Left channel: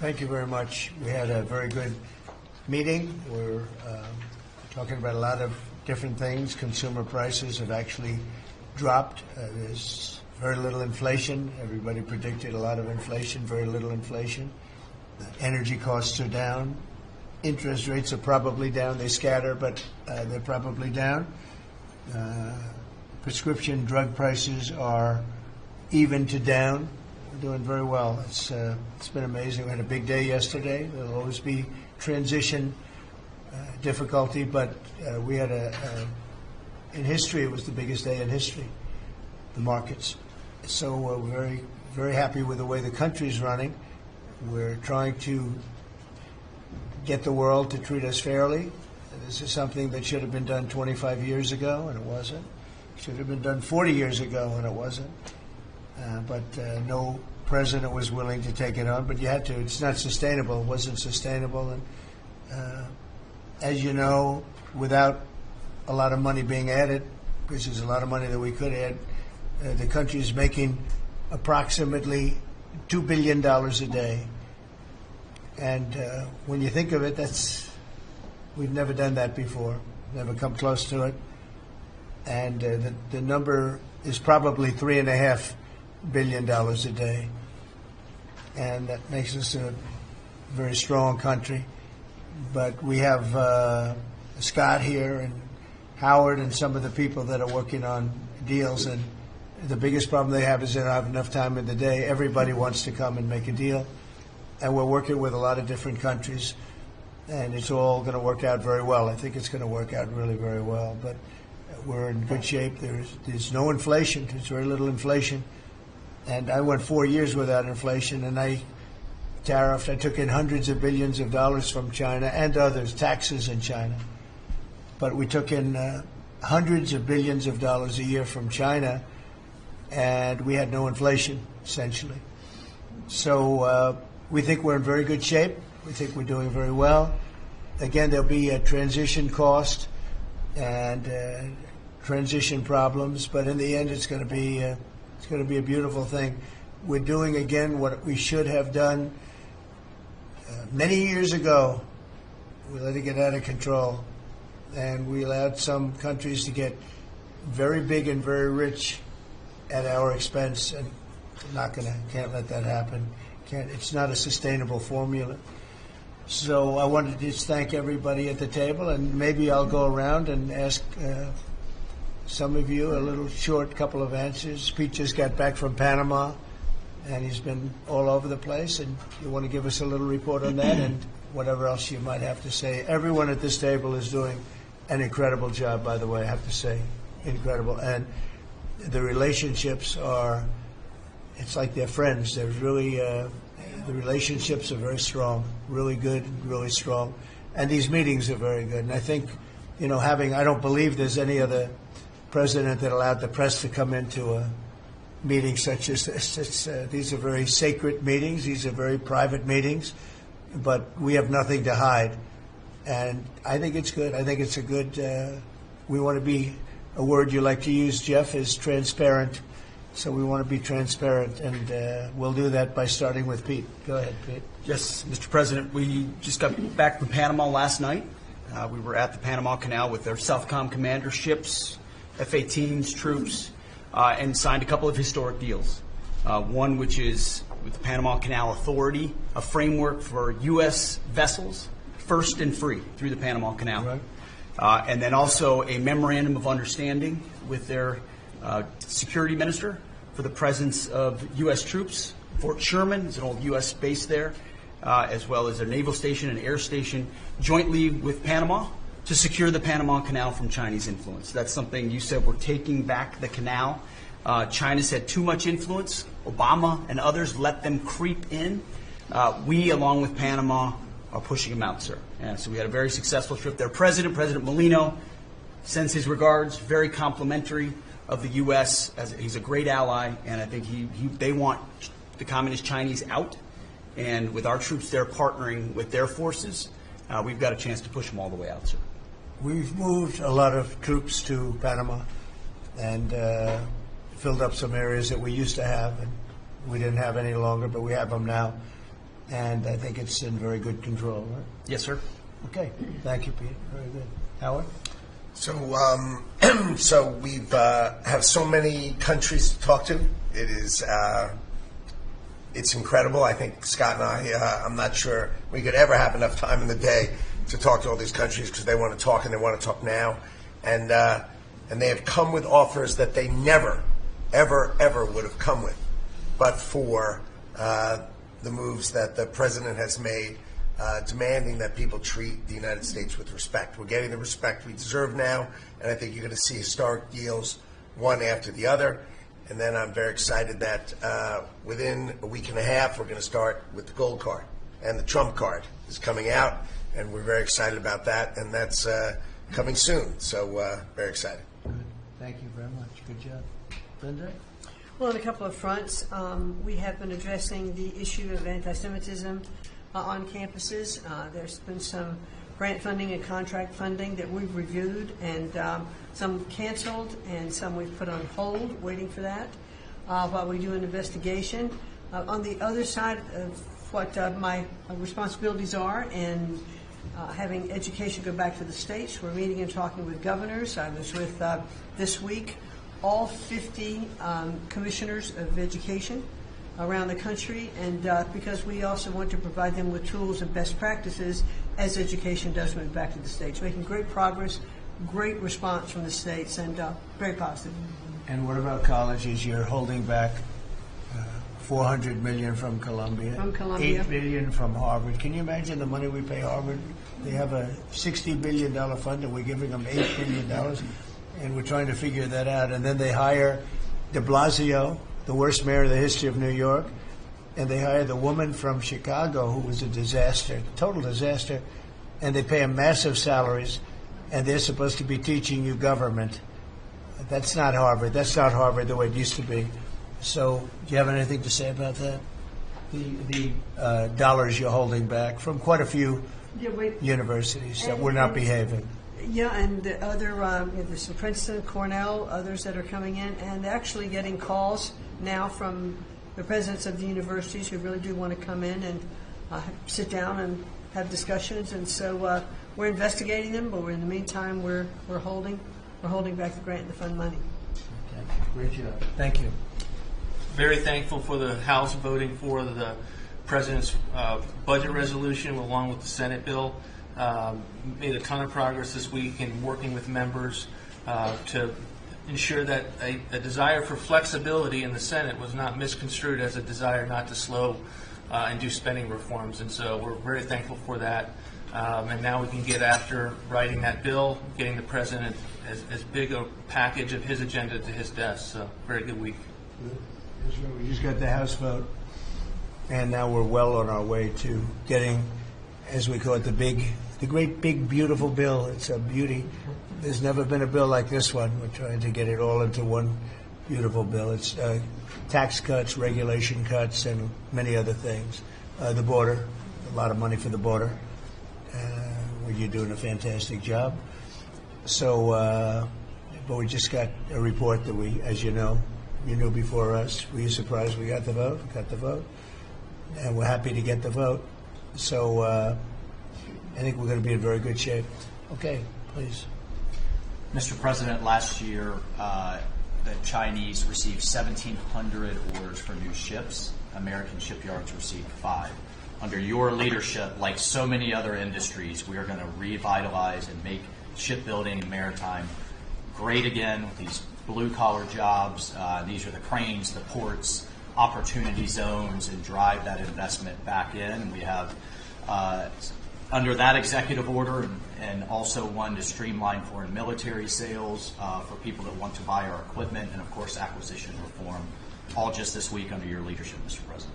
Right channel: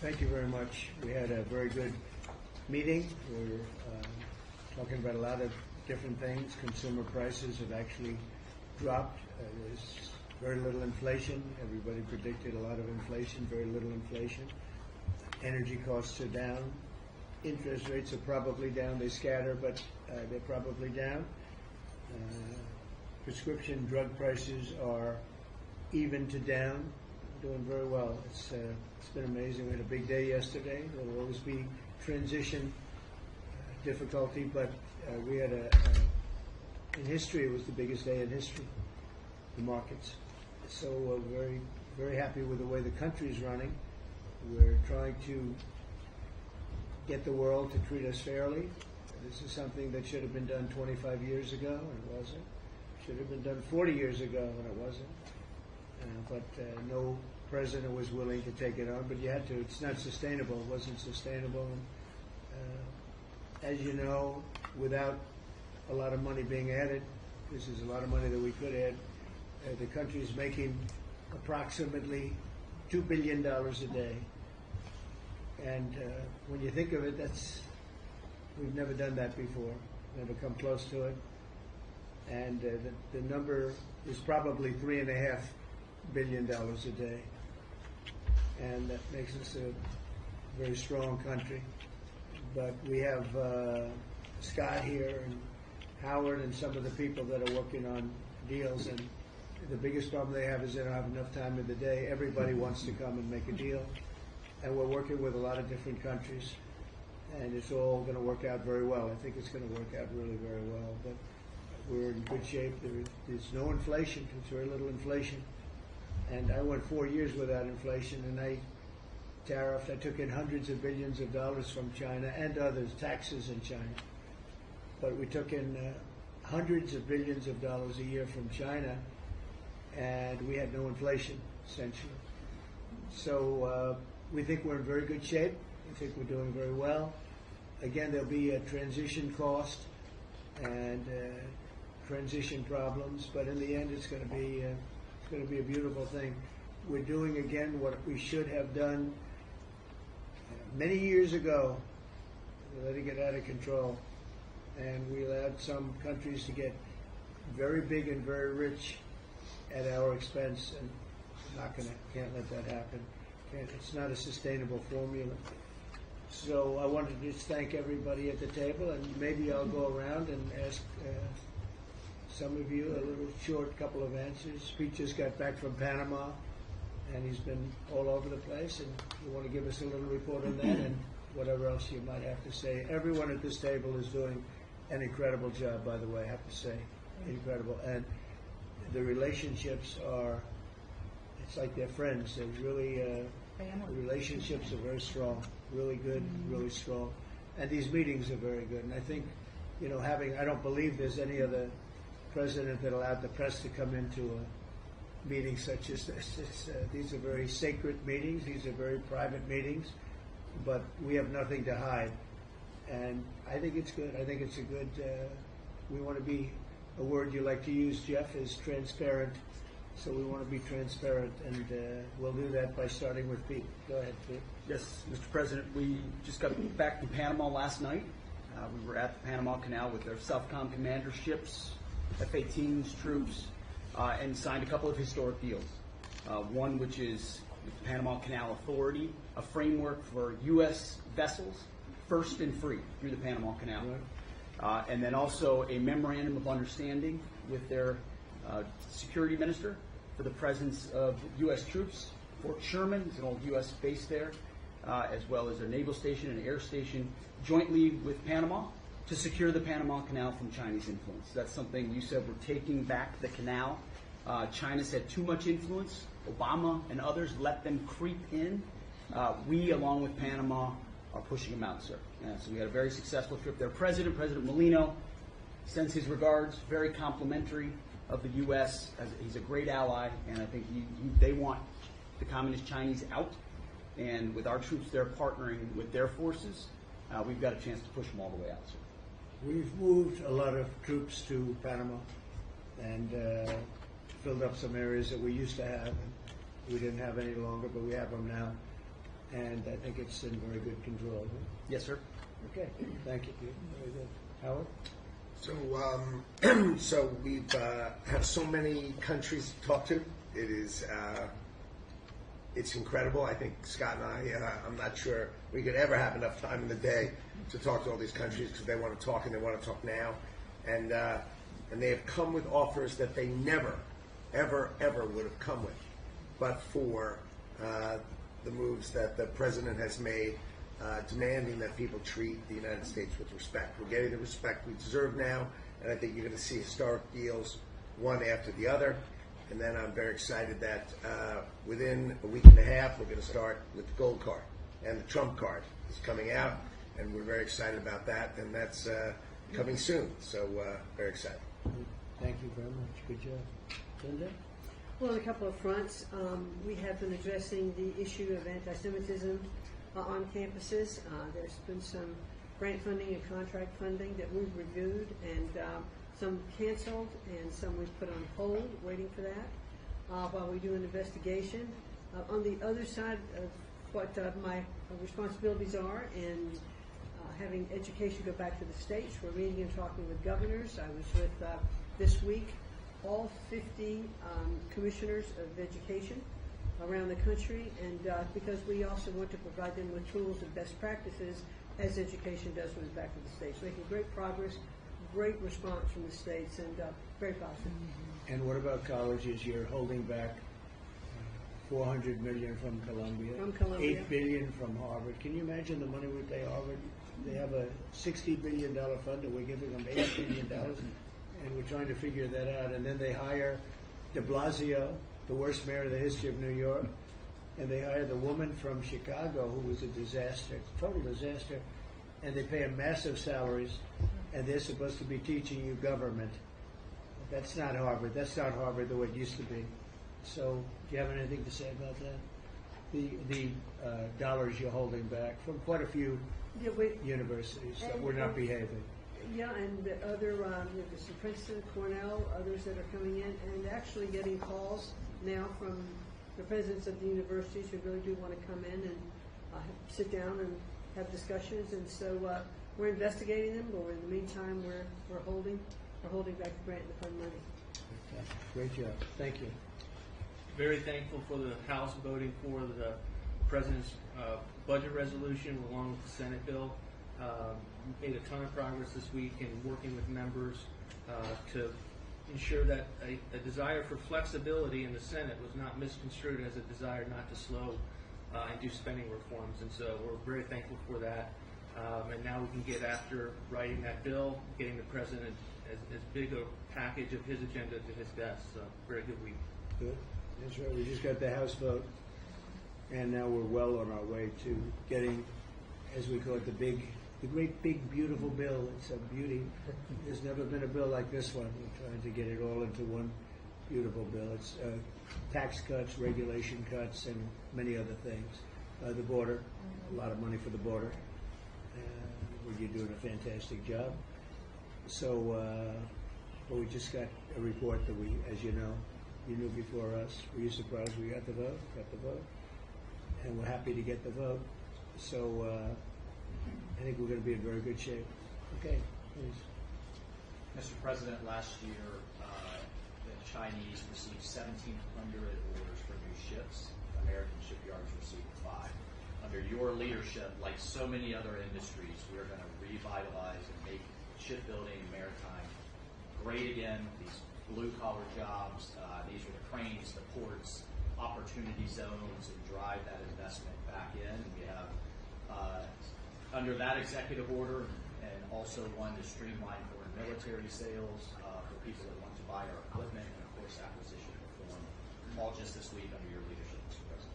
Thank you very much. We had a very good meeting. We're talking about a lot of different things. Consumer prices have actually dropped. There's very little inflation. Everybody predicted a lot of inflation, very little inflation. Energy costs are down. Interest rates are probably down. They scatter, but they're probably down. Prescription drug prices are even to down. We're doing very well. It's been amazing. We had a big day yesterday. There'll always be transition difficulty, but we had in history, it was the biggest day in history, the markets. So we're very, very happy with the way the country's running. We're trying to get the world to treat us fairly. This is something that should have been done 25 years ago, and it wasn't. Should have been done 40 years ago, and it wasn't. But no president was willing to take it on, but you had to. It's not sustainable. It wasn't sustainable. And as you know, without a lot of money being added, because there's a lot of money that we could add, the country is making approximately $2 billion a day. And when you think of it, we've never done that before, never come close to it. And the number is probably $3.5 billion a day. And that makes us a very strong country. But we have Scott here and Howard and some of the people that are working on deals. And the biggest problem they have is they don't have enough time in the day. Everybody wants to come and make a deal. And we're working with a lot of different countries. And it's all going to work out very well. I think it's going to work out really very well. But we're in good shape. There's no inflation. There's very little inflation. And I went 4 years without inflation, and I tariffed. I took in hundreds of billions of dollars from China and others, taxes in China. But we took in hundreds of billions of dollars a year from China, and we had no inflation, essentially. So we think we're in very good shape. We think we're doing very well. Again, there'll be a transition cost and transition problems, but in the end, it's going to be a beautiful thing. We're doing again what we should have done many years ago. We let it get out of control, and we allowed some countries to get very big and very rich at our expense, and can't let that happen. It's not a sustainable formula. So I wanted to just thank everybody at the table, and maybe I'll go around and ask some of you a little short couple of answers. Pete just got back from Panama, and he's been all over the place, and you want to give us a little report on that and whatever else you might have to say. Everyone at this table is doing an incredible job, by the way, I have to say. Incredible. And the relationships it's like they're friends. They're really, the relationships are very strong, really good, really strong. And these meetings are very good. And I think, I don't believe there's any other president that allowed the press to come into a meeting such as this. These are very sacred meetings. These are very private meetings. But we have nothing to hide. And I think it's good. I think it's a good, we want to be, a word you like to use, Jeff, is transparent. So we want to be transparent, and we'll do that by starting with Pete. Go ahead, Pete. Yes, Mr. President, we just got back from Panama last night. We were at the Panama Canal with their Southcom commander ships, F-18s, troops, and signed a couple of historic deals. One which is with the Panama Canal Authority, a framework for U.S. vessels, first and free through the Panama Canal. Right. And then also a memorandum of understanding with their security minister for the presence of U.S. troops. Fort Sherman is an old U.S. base there, as well as their naval station and air station, jointly with Panama to secure the Panama Canal from Chinese influence. That's something you said, we're taking back the canal. China's had too much influence. Obama and others let them creep in. We, along with Panama, are pushing them out, sir. And so we had a very successful trip there. President Molino, sends his regards, very complimentary of the U.S. He's a great ally, and I think they want the Communist Chinese out. And with our troops there partnering with their forces, we've got a chance to push them all the way out, sir. We've moved a lot of troops to Panama and filled up some areas that we used to have, and we didn't have any longer, but we have them now. and I think it's in very good control. Right? Yes, sir. Okay, thank you, Pete. Very good. Howard? So, so we've have so many countries to talk to. It is it's incredible. I think Scott and I'm not sure we could ever have enough time in the day to talk to all these countries because they want to talk and they want to talk now, and they have come with offers that they never, ever would have come with, but for the moves that the president has made. Demanding that people treat the United States with respect. We're getting the respect we deserve now, and I think you're going to see historic deals one after the other. And then I'm very excited that within a week and a half, we're going to start with the gold card. And the Trump card is coming out, and we're very excited about that, and that's coming soon. So very excited. Good. Thank you very much. Good job. Linda? Well, on a couple of fronts, we have been addressing the issue of anti-Semitism on campuses. There's been some grant funding and contract funding that we've reviewed, and some canceled and some we've put on hold, waiting for that, while we do an investigation. On the other side of what my responsibilities are in having education go back to the states, we're meeting and talking with governors. I was with, this week, all 50 commissioners of education around the country, and because we also want to provide them with tools and best practices as education does move back to the states. Making great progress, great response from the states, and very positive. And what about colleges? You're holding back $400 million from Columbia. From Columbia. $8 billion from Harvard. Can you imagine the money we pay Harvard? They have a $60 billion fund, and we're giving them $8 billion, and we're trying to figure that out. And then they hire de Blasio, the worst mayor in the history of New York, and they hire the woman from Chicago who was a disaster, total disaster, and they pay them massive salaries, and they're supposed to be teaching you government. That's not Harvard. That's not Harvard the way it used to be. So do you have anything to say about that? The dollars you're holding back from quite a few universities that were not behaving. Yeah, and the other, there's some Princeton, Cornell, others that are coming in, and actually getting calls now from the presidents of the universities who really do want to come in and sit down and have discussions. And so we're investigating them, but in the meantime, we're holding back the grant and the fund money. Great job. Thank you. Very thankful for the House voting for the president's budget resolution along with the Senate bill. Made a ton of progress this week in working with members to ensure that a desire for flexibility in the Senate was not misconstrued as a desire not to slow and do spending reforms. And so we're very thankful for that. And now we can get after writing that bill, getting the president as big a package of his agenda to his desk. So very good week. Good. That's right. We just got the House vote, and now we're well on our way to getting, as we call it, the great big beautiful bill. It's a beauty. There's never been a bill like this one. We're trying to get it all into one beautiful bill. It's tax cuts, regulation cuts, and many other things. The border, a lot of money for the border. Well, you're doing a fantastic job. So, but we just got a report that we, as you know, you knew before us. Were you surprised we got the vote? Got the vote. And we're happy to get the vote. So I think we're going to be in very good shape. Okay, please. Mr. President, last year the Chinese received 1,700 orders for new ships. American shipyards received 5. Under your leadership, like so many other industries, we are going to revitalize and make shipbuilding and maritime great again with these blue-collar jobs. These are the cranes, the ports, opportunity zones, and drive that investment back in. We have, under that executive order, and also one to streamline foreign military sales for people that want to buy our equipment, and of course acquisition reform, all just this week under your leadership, Mr. President.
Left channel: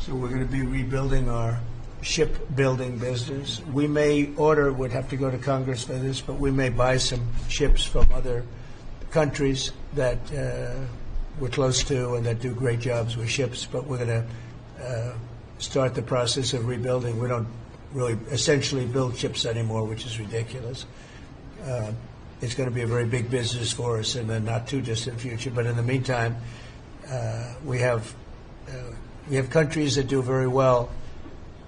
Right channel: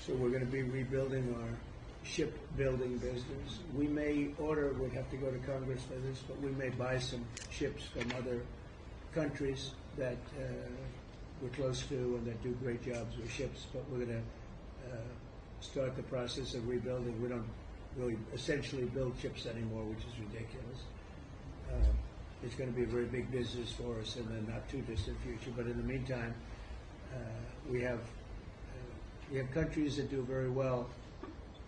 So we're going to be rebuilding our shipbuilding business. We may would have to go to Congress for this, but we may buy some ships from other countries that we're close to and that do great jobs with ships, but we're going to start the process of rebuilding. We don't really essentially build ships anymore, which is ridiculous. It's going to be a very big business for us in the not too distant future, but in the meantime, we have countries that do very well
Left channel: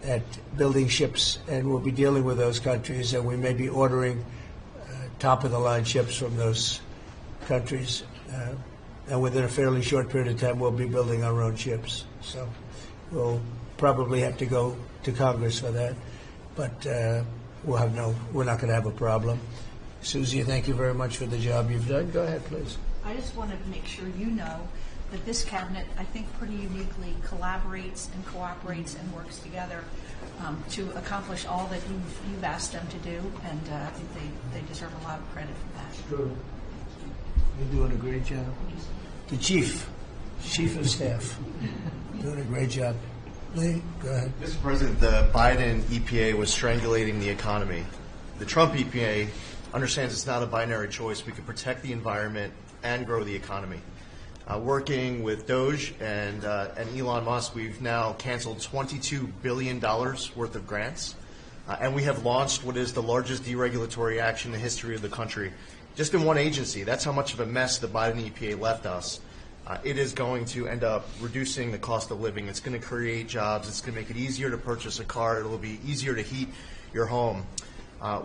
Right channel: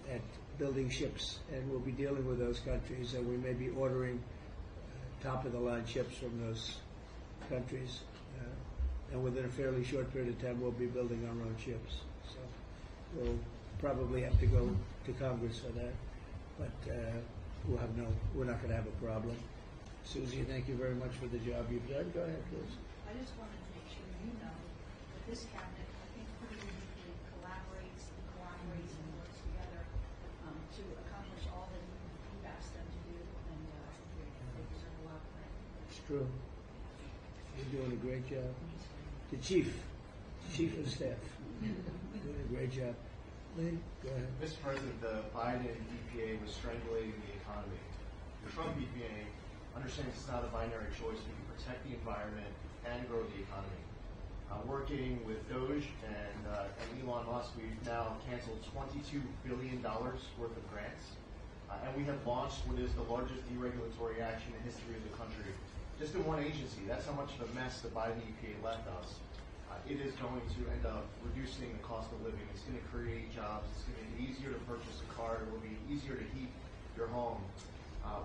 at building ships, and we'll be dealing with those countries, and we may be ordering top-of-the-line ships from those countries. And within a fairly short period of time, we'll be building our own ships. So we'll probably have to go to Congress for that, but we're not going to have a problem. Susie, thank you very much for the job you've done. Go ahead, please. I just wanted to make sure you know that this cabinet, I think, pretty uniquely collaborates and cooperates and works together to accomplish all that you've asked them to do, and I think they deserve a lot of credit for that. True. You're doing a great job. The chief of staff, doing a great job. Lee, go ahead. Mr. President, the Biden EPA was strangulating the economy. The Trump EPA understands it's not a binary choice. We can protect the environment and grow the economy. Working with Doge and Elon Musk, we've now canceled $22 billion worth of grants, and we have launched what is the largest deregulatory action in the history of the country. Just in one agency. That's how much of a mess the Biden EPA left us. It is going to end up reducing the cost of living. It's going to create jobs. It's going to make it easier to purchase a car. It will be easier to heat your home.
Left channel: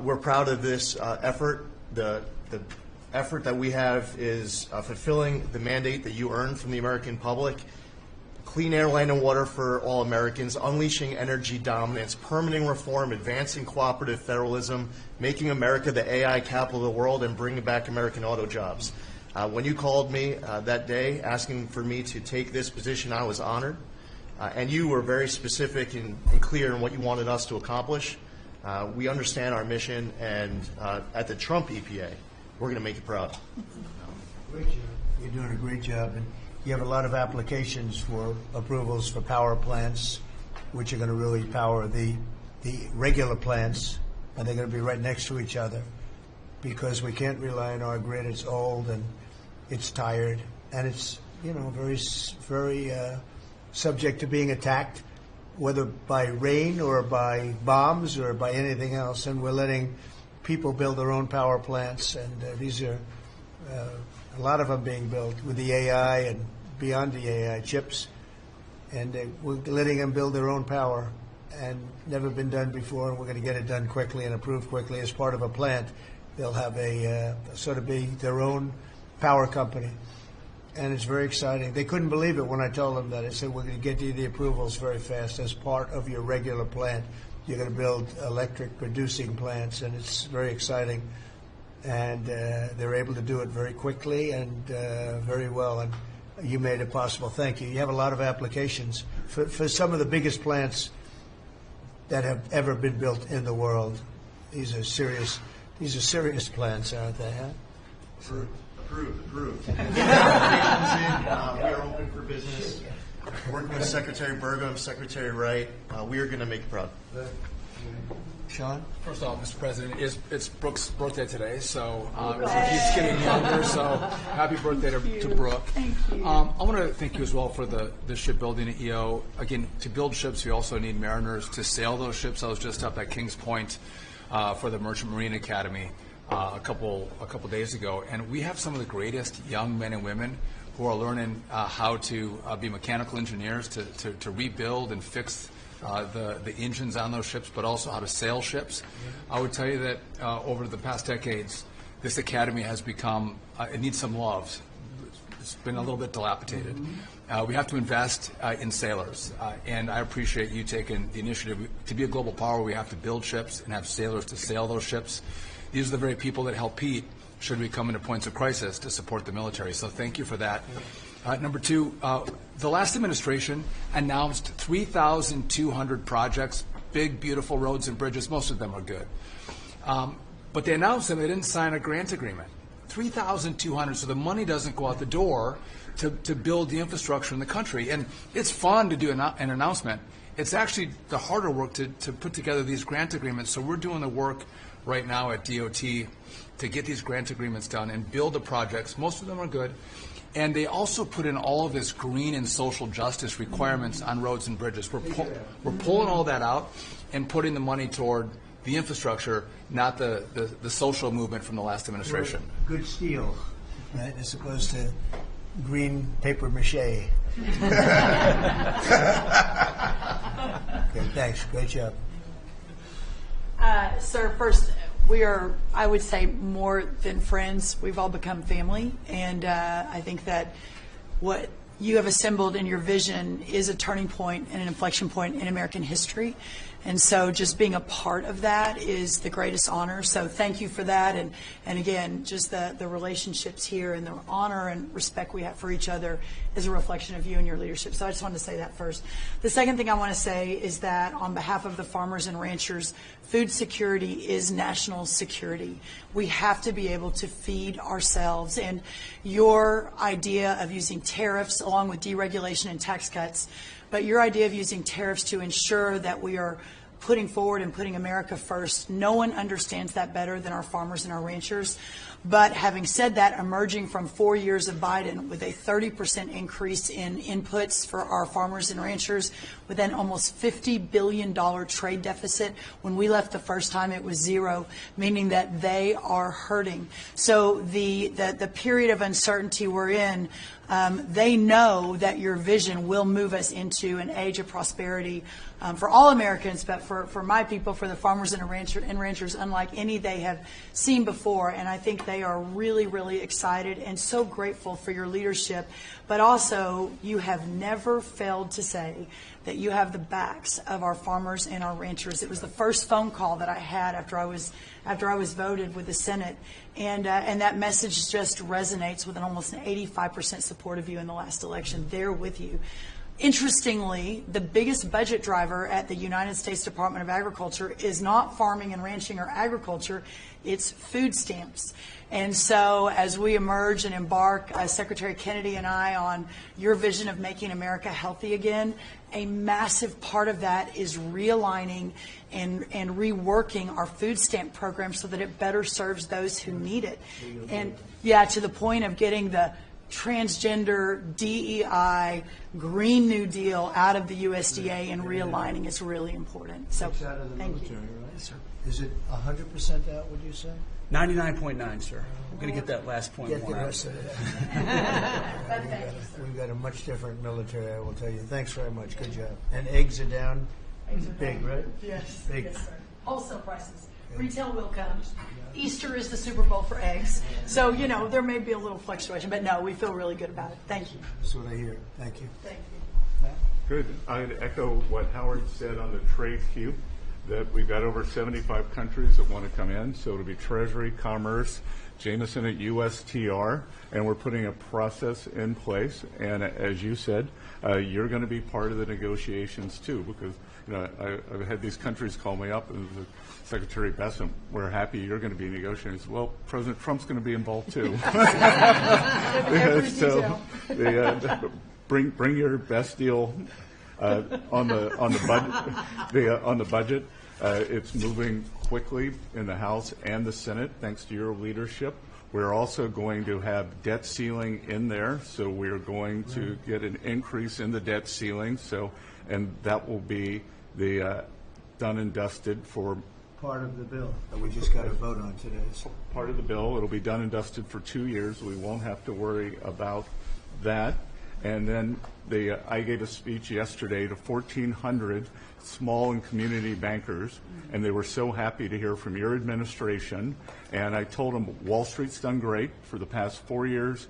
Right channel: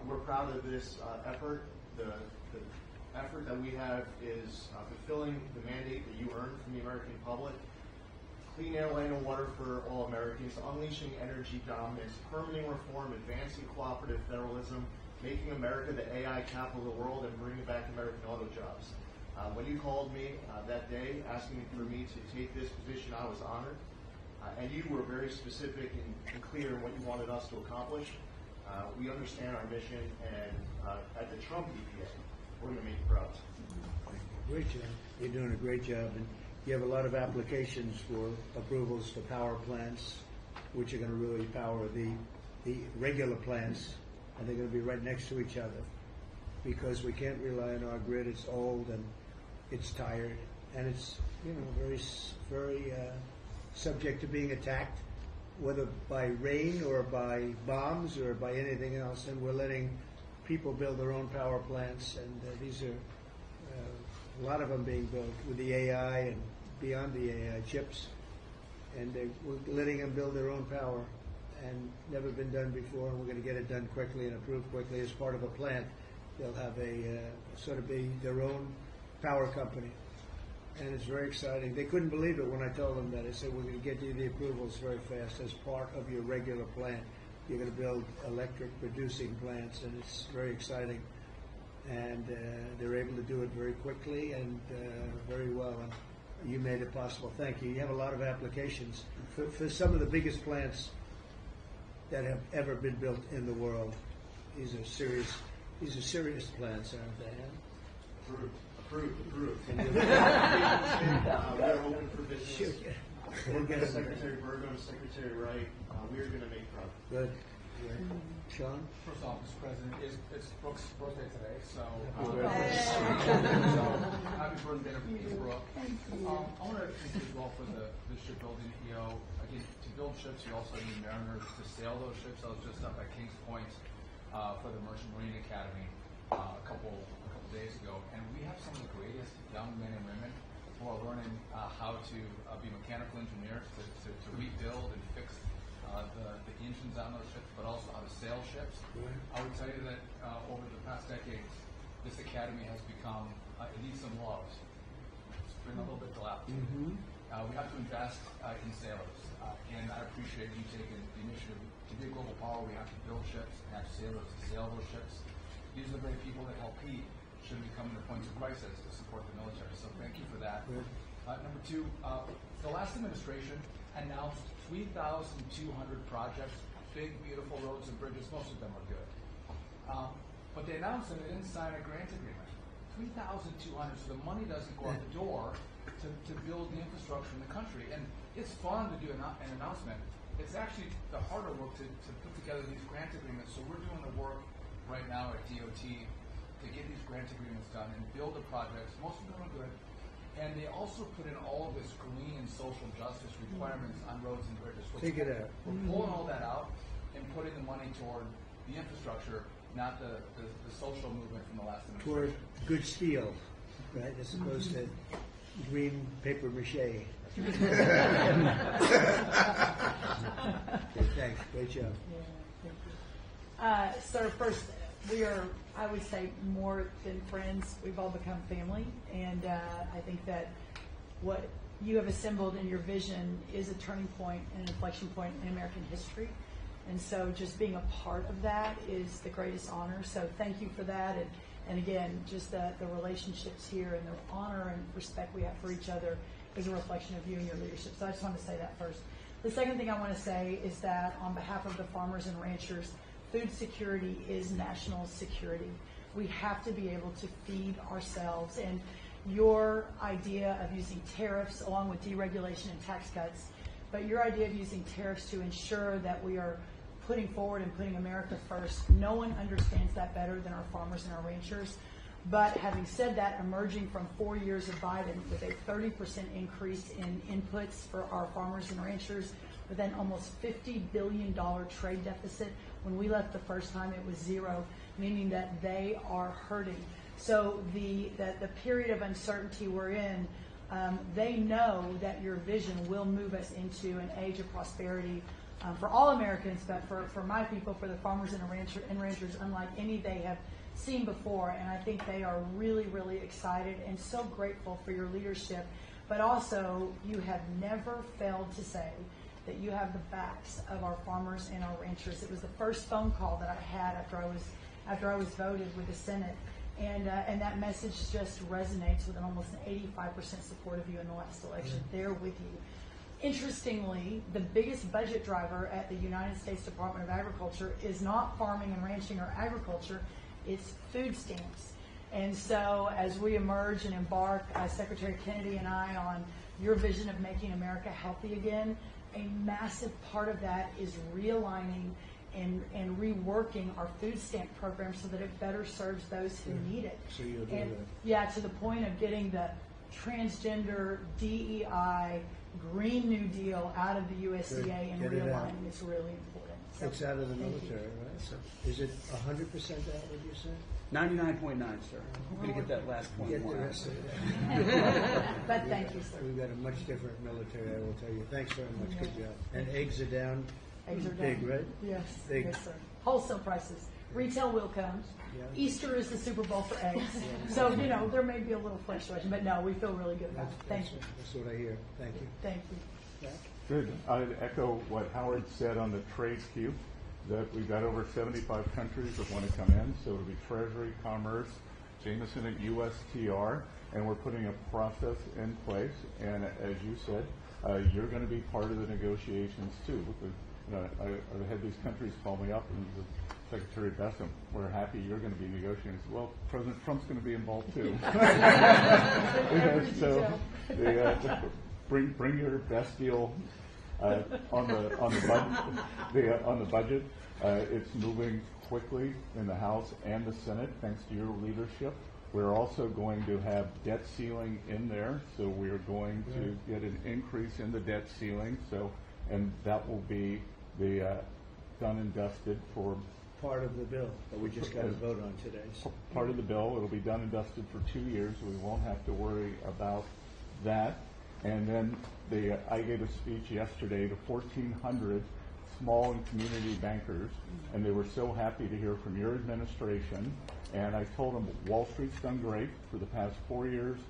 We're proud of this effort. The effort that we have is fulfilling the mandate that you earned from the American public. Clean air, land, and water for all Americans, unleashing energy dominance, permitting reform, advancing cooperative federalism, making America the AI capital of the world, and bringing back American auto jobs. When you called me that day asking for me to take this position, I was honored. And you were very specific and clear in what you wanted us to accomplish. We understand our mission, and at the Trump EPA, we're going to make you proud. Great job. You're doing a great job. And you have a lot of applications for approvals for power plants, which are going to really power the regular plants, and they're going to be right next to each other because we can't rely on our grid. It's old and it's tired, and it's very subject to being attacked, whether by rain or by bombs or by anything else. And we're letting people build their own power plants, and these are a lot of them being built with the AI and beyond the AI chips, and we're letting them build their own power, and never been done before, and we're going to get it done quickly and approved quickly as part of a plant. They'll have a sort of be their own power company, and it's very exciting. They couldn't believe it when I told them that. I said, we're going to get you the approvals very fast as part of your regular plant. You're going to build electric producing plants, and it's very exciting. And they're able to do it very quickly and very well, and you made it possible. Thank you. You have a lot of applications for some of the biggest plants that have ever been built in the world. These are serious plants, aren't they? Huh? Approved. We are open for business. Working with Secretary Burgum, Secretary Wright, we are going to make you proud. Good. Sean? First off, Mr. President, it's Brooke's birthday today, so she keeps getting younger, so happy birthday to Brooke. Thank you. I want to thank you as well for the shipbuilding at EO. Again, to build ships, we also need mariners to sail those ships. I was just up at Kings Point for the Merchant Marine Academy a couple days ago, and we have some of the greatest young men and women who are learning how to be mechanical engineers, to rebuild and fix the engines on those ships, but also how to sail ships. I would tell you that over the past decades, this academy has become, it needs some love. It's been a little bit dilapidated. We have to invest in sailors, and I appreciate you taking the initiative. To be a global power, we have to build ships and have sailors to sail those ships. These are the very people that help Pete should we come into points of crisis to support the military. So thank you for that. Number two, the last administration announced 3,200 projects, big, beautiful roads and bridges. Most of them are good. But they announced them, they didn't sign a grant agreement. 3,200, so the money doesn't go out the door to build the infrastructure in the country. And it's fun to do an announcement. It's actually the harder work to put together these grant agreements. So we're doing the work right now at DOT to get these grant agreements done and build the projects. Most of them are good. And they also put in all of this green and social justice requirements on roads and bridges. We're pulling all that out and putting the money toward the infrastructure, not the social movement from the last administration. Good steel, right, as opposed to green paper mache. Okay, thanks. Great job. Sir, first, we are, I would say, more than friends. We've all become family, and I think that what you have assembled in your vision is a turning point and an inflection point in American history. And so just being a part of that is the greatest honor. So thank you for that. And again, just the relationships here and the honor and respect we have for each other is a reflection of you and your leadership. So I just wanted to say that first. The second thing I want to say is that on behalf of the farmers and ranchers, food security is national security. We have to be able to feed ourselves. And your idea of using tariffs along with deregulation and tax cuts, but your idea of using tariffs to ensure that we are putting forward and putting America first, no one understands that better than our farmers and our ranchers. But having said that, emerging from 4 years of Biden with a 30% increase in inputs for our farmers and ranchers, with an almost $50 billion trade deficit. When we left the first time, it was zero, meaning that they are hurting. So the period of uncertainty we're in, they know that your vision will move us into an age of prosperity for all Americans, but for my people, for the farmers and ranchers, unlike any they have seen before. And I think they are really, really excited and so grateful for your leadership. But also, you have never failed to say that you have the backs of our farmers and our ranchers. It was the first phone call that I had after I was voted with the Senate. And that message just resonates with almost an 85% support of you in the last election. They're with you. Interestingly, the biggest budget driver at the United States Department of Agriculture is not farming and ranching or agriculture, it's food stamps. And so as we emerge and embark, Secretary Kennedy and I, on your vision of making America healthy again, a massive part of that is realigning and reworking our food stamp program so that it better serves those who need it. And yeah, to the point of getting the transgender, DEI, Green New Deal out of the USDA and realigning is really important. So It's out of the thank military, you. right? Yes, sir. Is it 100% out, would you say? 99.9, sir. I'm going to get that last point Get the more out. rest of it. But thank you, sir. We've got a much different military, I will tell you. Thanks very much. Good job. And eggs are down Eggs are big, down. right? Yes, Big. yes, sir. Wholesale prices. Retail will come. Easter is the Super Bowl for eggs. So, you know, there may be a little fluctuation, but no, we feel really good about it. Thank you. That's what I hear. Thank you. Thank you. Good. I'd echo what Howard said on the trade queue, that we've got over 75 countries that want to come in. So it'll be Treasury, Commerce, Jameson at USTR, and we're putting a process in place. And as you said, you're going to be part of the negotiations too, because you know, I've had these countries call me up and Secretary Bessem, we're happy you're going to be negotiating. Well, President Trump's going to be involved too. Every So detail. bring your best deal on the budget. It's moving quickly in the House and the Senate, thanks to your leadership. We're also going to have debt ceiling in there, so we're going to get an increase in the debt ceiling. So, and that will be the done and dusted for Part of the bill that we just got to vote on today. So part of the bill. It'll be done and dusted for 2 years. We won't have to worry about that. And then I gave a speech yesterday to 1,400 small and community bankers, and they were so happy to hear from your administration. And I told them Wall Street's done great for the past 4 years,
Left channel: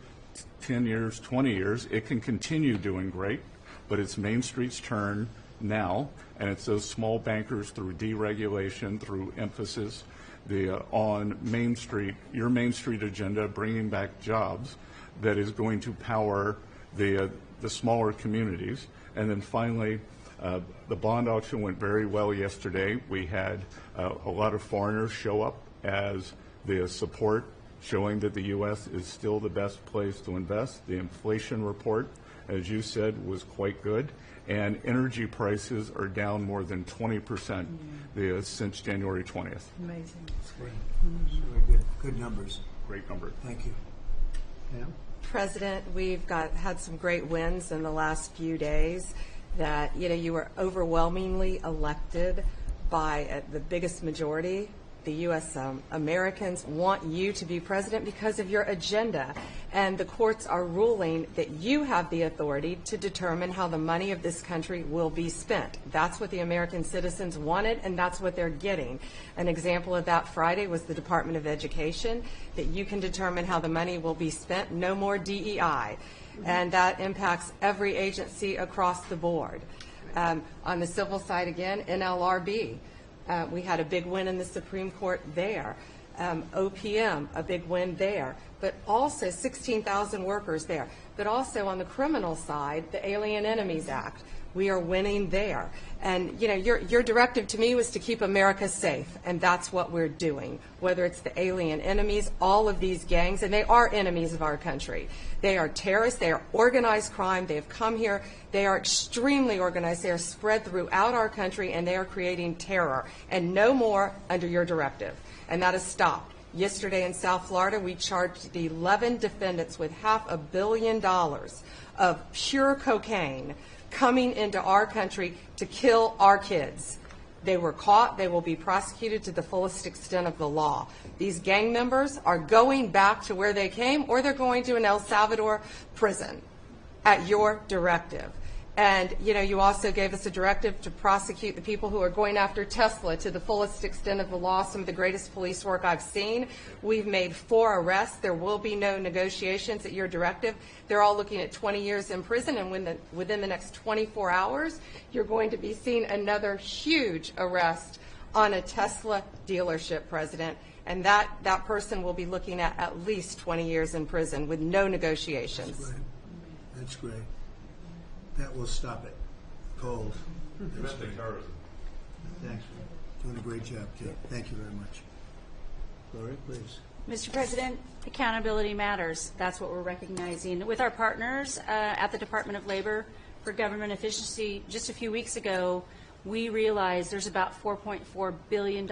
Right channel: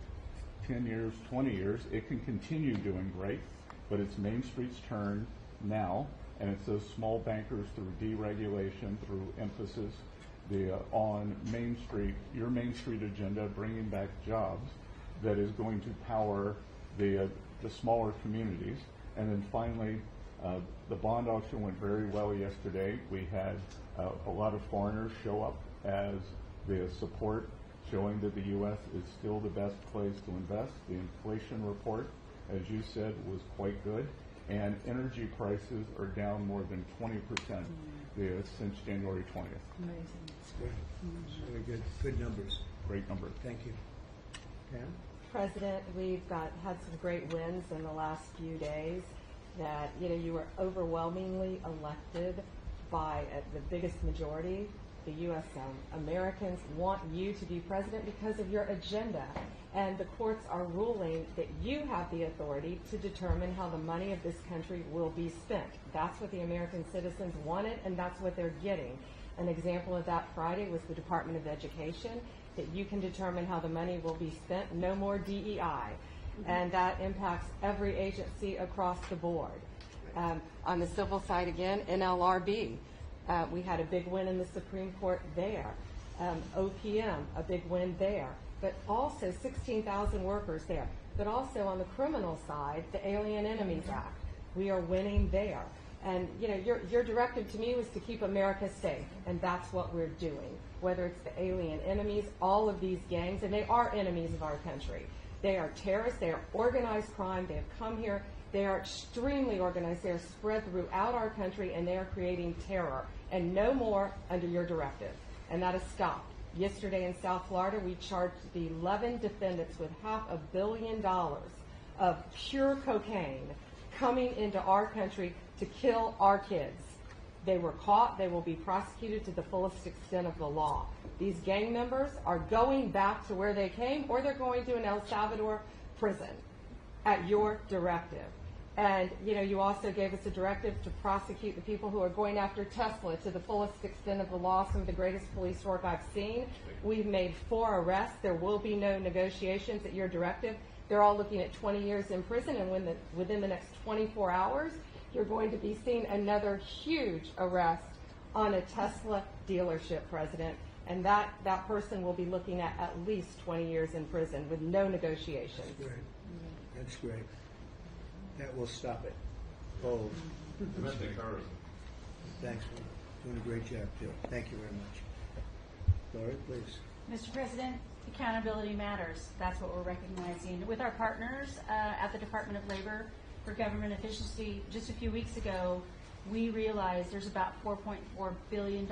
10 years, 20 years. It can continue doing great, but it's Main Street's turn now, and it's those small bankers through deregulation, through emphasis on Main Street, your Main Street agenda, bringing back jobs, that is going to power the smaller communities. And then finally, the bond auction went very well yesterday. We had a lot of foreigners show up as the support, showing that the U.S. is still the best place to invest. The inflation report, as you said, was quite good. And energy prices are down more than 20% since January 20th. Amazing. great. Very good numbers. Great number. Thank you. Pam? President, we've had some great wins in the last few days. That you were overwhelmingly elected by the biggest majority the U.S. Americans want you to be president because of your agenda. And the courts are ruling that you have the authority to determine how the money of this country will be spent. That's what the American citizens wanted, and that's what they're getting. An example of that Friday was the Department of Education, that you can determine how the money will be spent. No more DEI. And that impacts every agency across the board. On the civil side again, NLRB. We had a big win in the Supreme Court there. OPM, a big win there. But also 16,000 workers there. But also on the criminal side, the Alien Enemies Act. We are winning there. And you know, your directive to me was to keep America safe, and that's what we're doing. Whether it's the alien enemies, all of these gangs, and they are enemies of our country. They are terrorists, they are organized crime, they have come here, they are extremely organized, they are spread throughout our country, and they are creating terror. And no more under your directive. And that has stopped. Yesterday in South Florida, we charged the 11 defendants with $500 million of pure cocaine coming into our country to kill our kids. They were caught. They will be prosecuted to the fullest extent of the law. These gang members are going back to where they came, or they're going to an El Salvador prison at your directive. And, you know, you also gave us a directive to prosecute the people who are going after Tesla to the fullest extent of the law, some of the greatest police work I've seen. We've made 4 arrests. There will be no negotiations at your directive. They're all looking at 20 years in prison, and within the next 24 hours, you're going to be seeing another huge arrest on a Tesla dealership, President. And that person will be looking at least 20 years in prison with no negotiations. That's great. That's great. That will stop it. Cold. Domestic terrorism. Thanks. Doing a great job, too. Thank you very much. Lori, please. Mr. President, accountability matters. That's what we're recognizing. With our partners at the Department of Labor for Government Efficiency, just a few weeks ago, we realized there's about $4.4 billion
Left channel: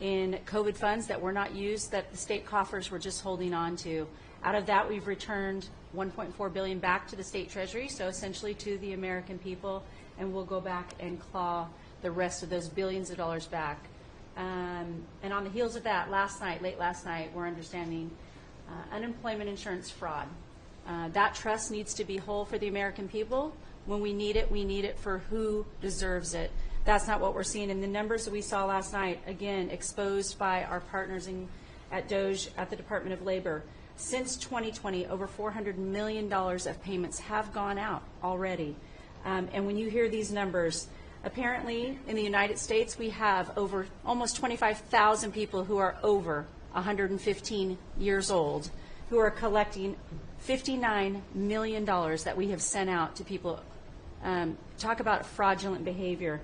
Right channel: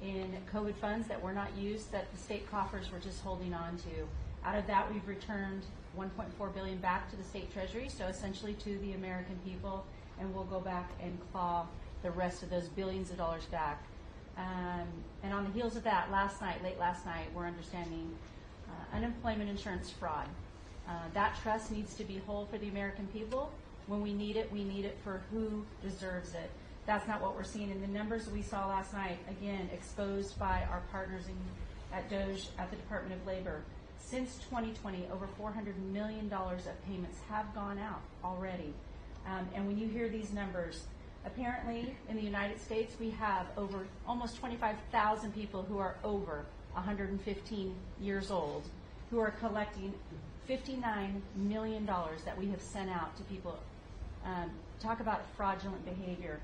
in COVID funds that were not used, that the state coffers were just holding on to. Out of that, we've returned $1.4 billion back to the state treasury, so essentially to the American people, and we'll go back and claw the rest of those billions of dollars back. And on the heels of that, late last night, we're understanding unemployment insurance fraud. That trust needs to be whole for the American people. When we need it for who deserves it. That's not what we're seeing in the numbers that we saw last night, again, exposed by our partners at DOJ at the Department of Labor. Since 2020, over $400 million of payments have gone out already. And when you hear these numbers, apparently in the United States, we have over almost 25,000 people who are over 115 years old who are collecting $59 million that we have sent out to people. Talk about fraudulent behavior.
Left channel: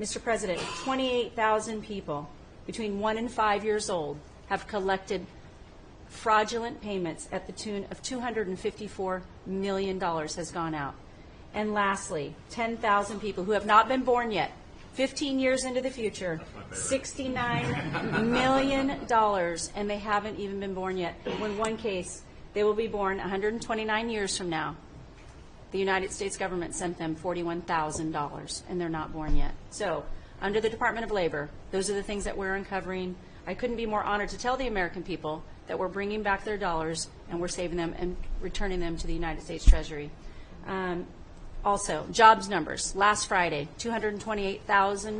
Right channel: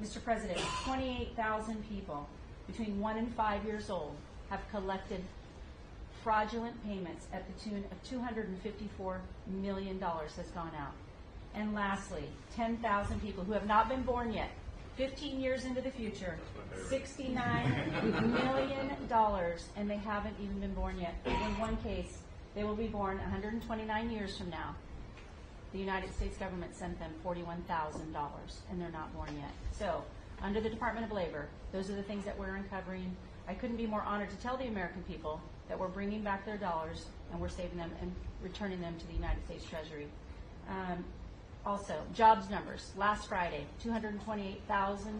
Mr. President, 28,000 people between 1 and 5 years old have collected fraudulent payments at the tune of $254 million has gone out. And lastly, 10,000 people who have not been born yet, 15 years into the future, $69 million, and they haven't even been born yet. In one case, they will be born 129 years from now. The United States government sent them $41,000, and they're not born yet. So, under the Department of Labor, those are the things that we're uncovering. I couldn't be more honored to tell the American people that we're bringing back their dollars and we're saving them and returning them to the United States Treasury. Also, jobs numbers. Last Friday, 228,000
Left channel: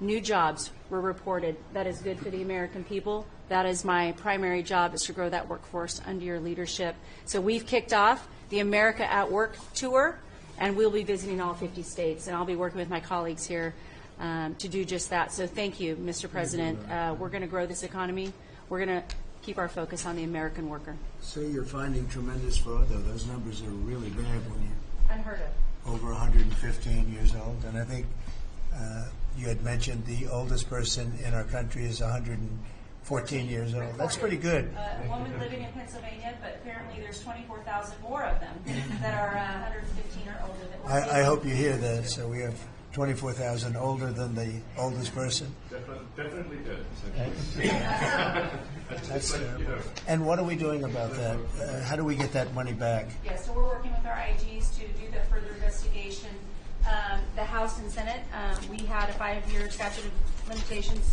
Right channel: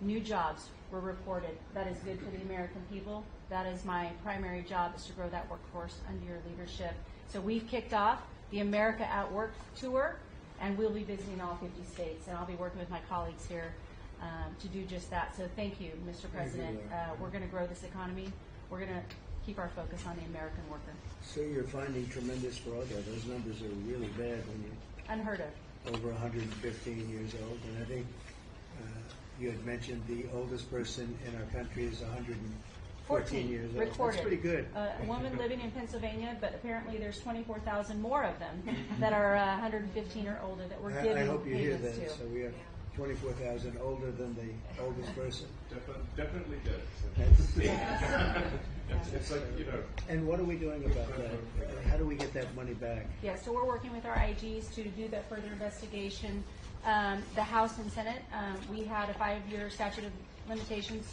new jobs were reported. That is good for the American people. That is my primary job, is to grow that workforce under your leadership. So we've kicked off the America at Work tour, and we'll be visiting all 50 states, and I'll be working with my colleagues here to do just that. So thank you, Mr. President. We're going to grow this economy. We're going to keep our focus on the American worker. So you're finding tremendous fraud, though. Those numbers are really bad when you Unheard of. over 115 years old. And I think you had mentioned the oldest person in our country is 114 years old. That's pretty good. A woman living in Pennsylvania, but apparently there's 24,000 more of them that are 115 or older. That we're I hope you seeing hear that. to. So we have 24,000 older than the oldest person. Definitely did. That's and what are we doing about that? How do we get that money back? Yeah, so we're working with our IGs to do the further investigation. The House and Senate, we had a 5-year statute of limitations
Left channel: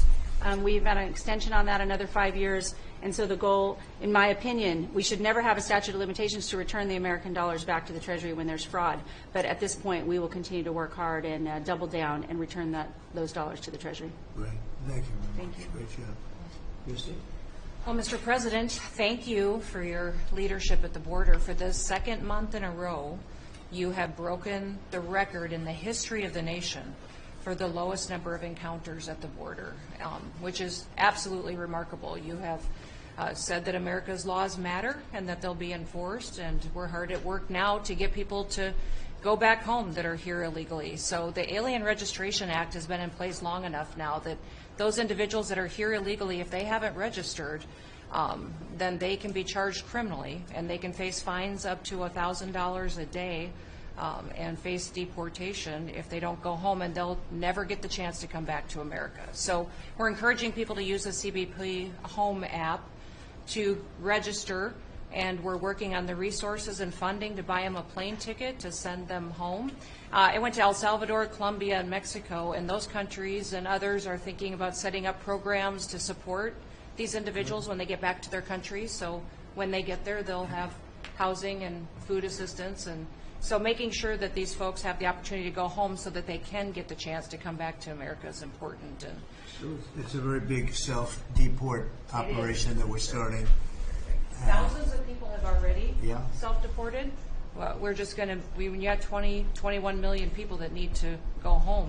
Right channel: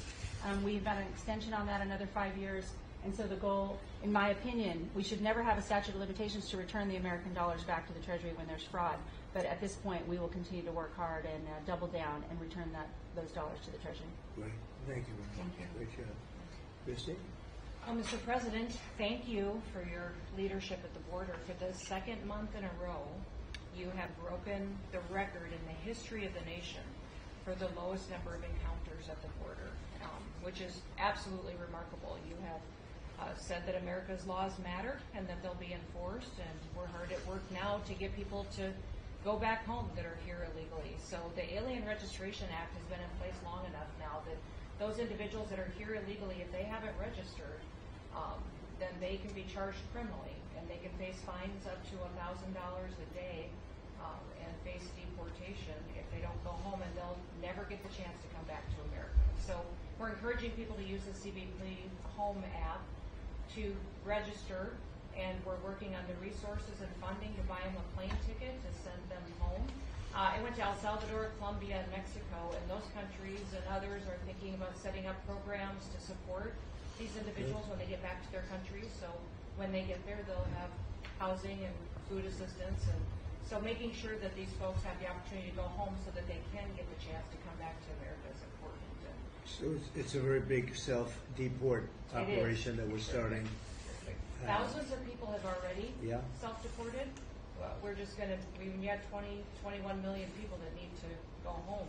We've got an extension on that another 5 years. And so the goal, in my opinion, we should never have a statute of limitations to return the American dollars back to the Treasury when there's fraud. But at this point, we will continue to work hard and double down and return those dollars to the Treasury. Great. Thank you. Thank you. Great job. Misty? Well, Mr. President, thank you for your leadership at the border. For the second month in a row, you have broken the record in the history of the nation for the lowest number of encounters at the border, which is absolutely remarkable. You have said that America's laws matter and that they'll be enforced, and we're hard at work now to get people to go back home that are here illegally. So the Alien Registration Act has been in place long enough now that those individuals that are here illegally, if they haven't registered, then they can be charged criminally, and they can face fines up to $1,000 a day and face deportation if they don't go home, and they'll never get the chance to come back to America. So we're encouraging people to use the CBP Home app to register, and we're working on the resources and funding to buy them a plane ticket to send them home. I went to El Salvador, Colombia, and Mexico, and those countries and others are thinking about setting up programs to support these individuals when they get back to their countries. So when they get there, they'll have housing and food assistance, and so making sure that these folks have the opportunity to go home so that they can get the chance to come back to America is important. And So it's a very big self-deport operation that we're starting. thousands of people have already Yeah. self-deported. Well, we're just going to, we got 21 million people that need to go home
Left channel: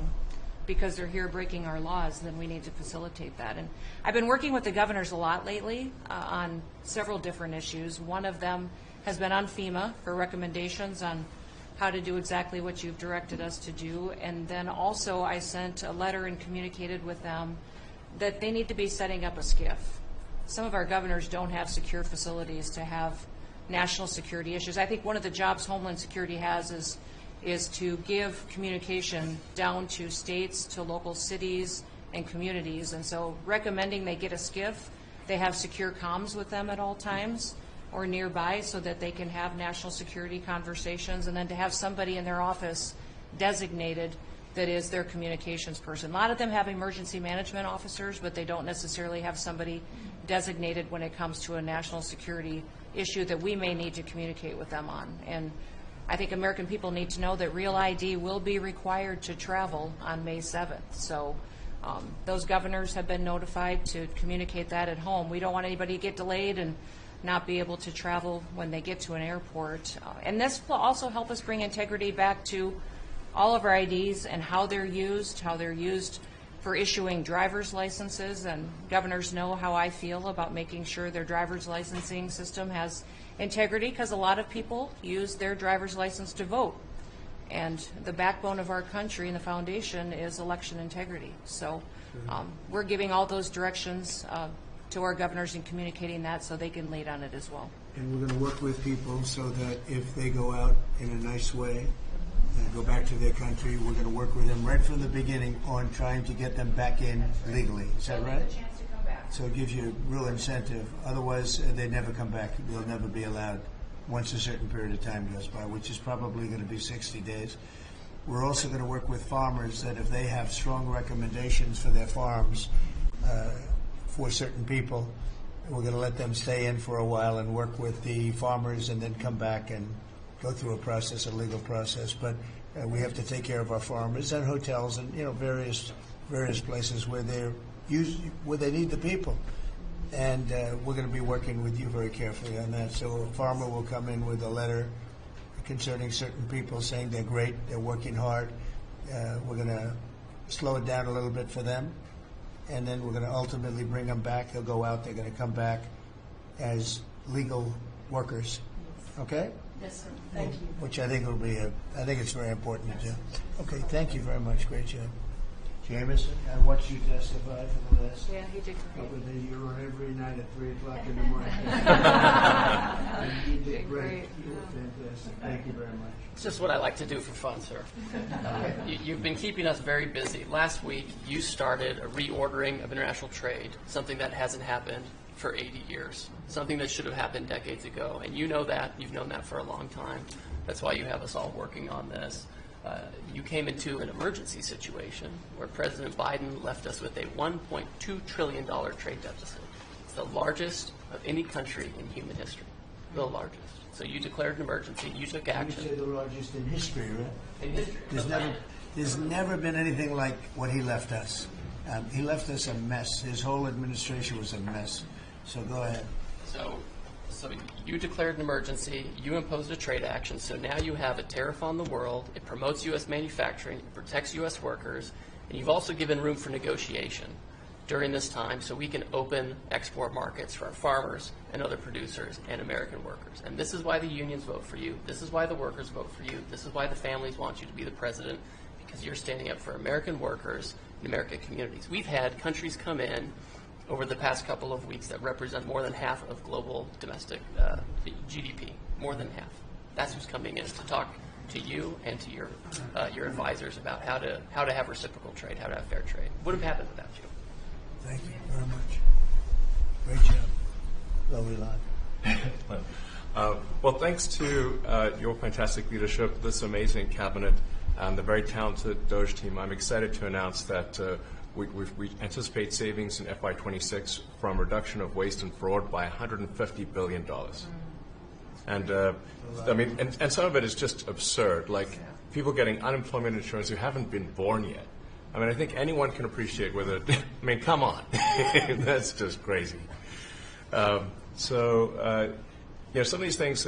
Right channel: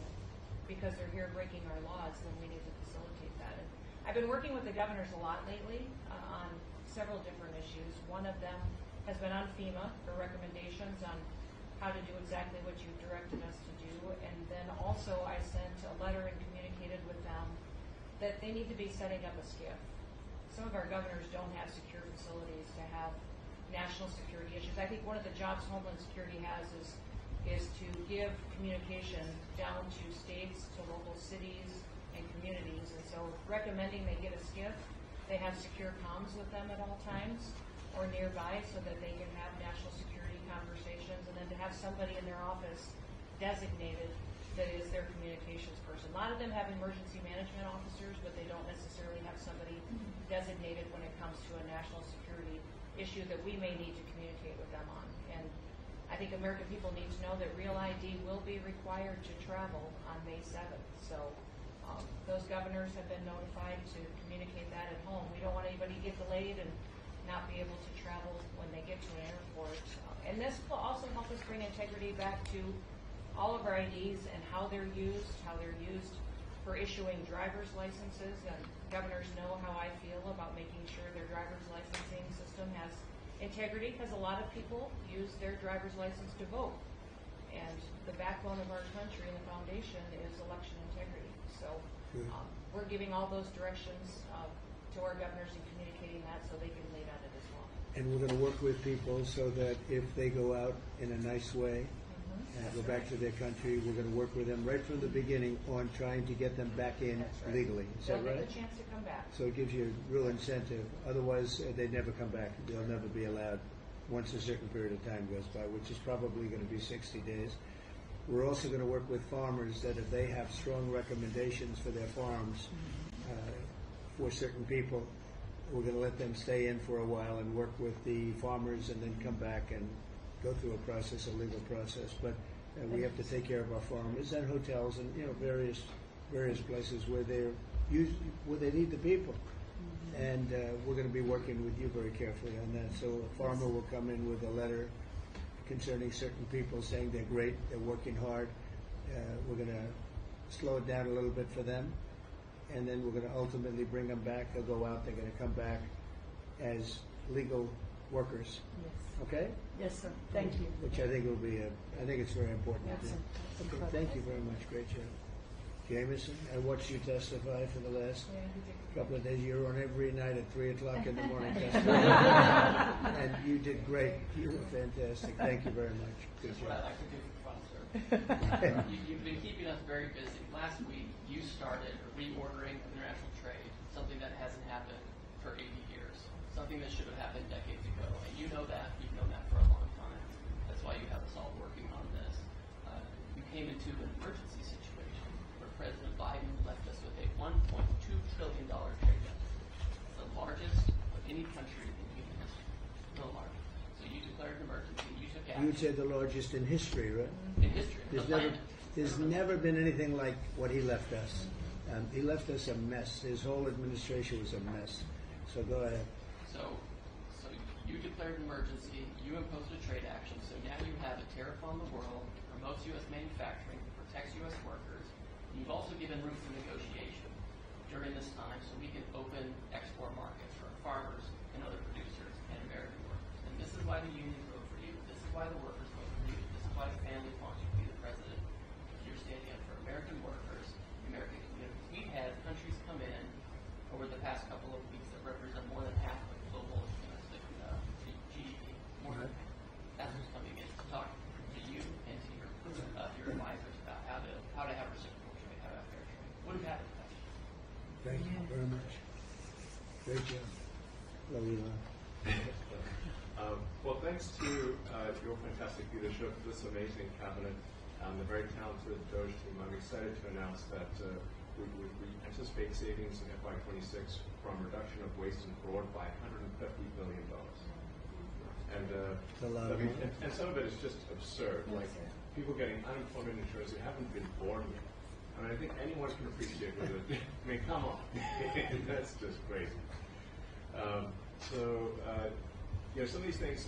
because they're here breaking our laws, then we need to facilitate that. And I've been working with the governors a lot lately on several different issues. One of them has been on FEMA for recommendations on how to do exactly what you've directed us to do. And then also I sent a letter and communicated with them that they need to be setting up a SCIF. Some of our governors don't have secure facilities to have national security issues. I think one of the jobs Homeland Security has is to give communication down to states, to local cities and communities. And so recommending they get a SCIF, they have secure comms with them at all times or nearby so that they can have national security conversations, and then to have somebody in their office designated that is their communications person. A lot of them have emergency management officers, but they don't necessarily have somebody designated when it comes to a national security issue that we may need to communicate with them on. And I think American people need to know that Real ID will be required to travel on May 7th. So those governors have been notified to communicate that at home. We don't want anybody to get delayed and not be able to travel when they get to an airport. And this will also help us bring integrity back to all of our IDs and how they're used for issuing driver's licenses. And governors know how I feel about making sure their driver's licensing system has integrity, because a lot of people use their driver's license to vote. And the backbone of our country and the foundation is election integrity. So we're giving all those directions to our governors and communicating that so they can lead on it as well. And we're going to work with people so that if they go out in a nice way and go back to their country, we're going to work with them right from the beginning on trying to get them back in legally. Is that right? They get a chance to come back. So it gives you real incentive. Otherwise, they never come back. They'll never be allowed once a certain period of time goes by, which is probably going to be 60 days. We're also going to work with farmers that if they have strong recommendations for their farms for certain people, we're going to let them stay in for a while and work with the farmers and then come back and go through a process, a legal process. But we have to take care of our farmers and hotels and various places where where they need the people. And we're going to be working with you very carefully on that. So a farmer will come in with a letter concerning certain people saying they're great, they're working hard. We're going to slow it down a little bit for them. And then we're going to ultimately bring them back. They'll go out. They're going to come back as legal workers. Okay? Yes, sir. Thank you. Which I think will be I think it's very important to do. Okay, thank you very much. Great job. Jameson, I watched you testify for the last couple of days. You're on every night at 3 o'clock in the morning. And you did great. You were fantastic. Thank you very much. It's just what I like to do for fun, sir. You've been keeping us very busy. Last week, you started a reordering of international trade, something that hasn't happened for 80 years, something that should have happened decades ago. And you know that. You've known that for a long time. That's why you have us all working on this. you came into an emergency situation where President Biden left us with a $1.2 trillion trade deficit. It's the largest of any country in human history, the largest. So you declared an emergency, you took action. You say the largest in history, right? In history. There's never been anything like what he left us. He left us a mess. His whole administration was a mess. So go ahead. So you declared an emergency, you imposed a trade action, so now you have a tariff on the world, it promotes U.S. manufacturing, it protects U.S. workers, and you've also given room for negotiation during this time so we can open export markets for our farmers and other producers and American workers. And this is why the unions vote for you, this is why the workers vote for you, this is why the families want you to be the president, because you're standing up for American workers and American communities. We've had countries come in over the past couple of weeks that represent more than half of global domestic GDP, more than half. That's who's coming in to talk to you and to your advisors about how to have reciprocal trade, how to have fair trade. Would have happened without you. Thank you very much. Great job. Lovely lot. Well, thanks to your fantastic leadership, this amazing cabinet, and the very talented DOGE team, I'm excited to announce that we anticipate savings in FY26 from reduction of waste and fraud by $150 billion. And I mean, and some of it is just absurd, like people getting unemployment insurance who haven't been born yet. I mean, I think anyone can appreciate whether, I mean, come on, that's just crazy. So, you know, some of these things,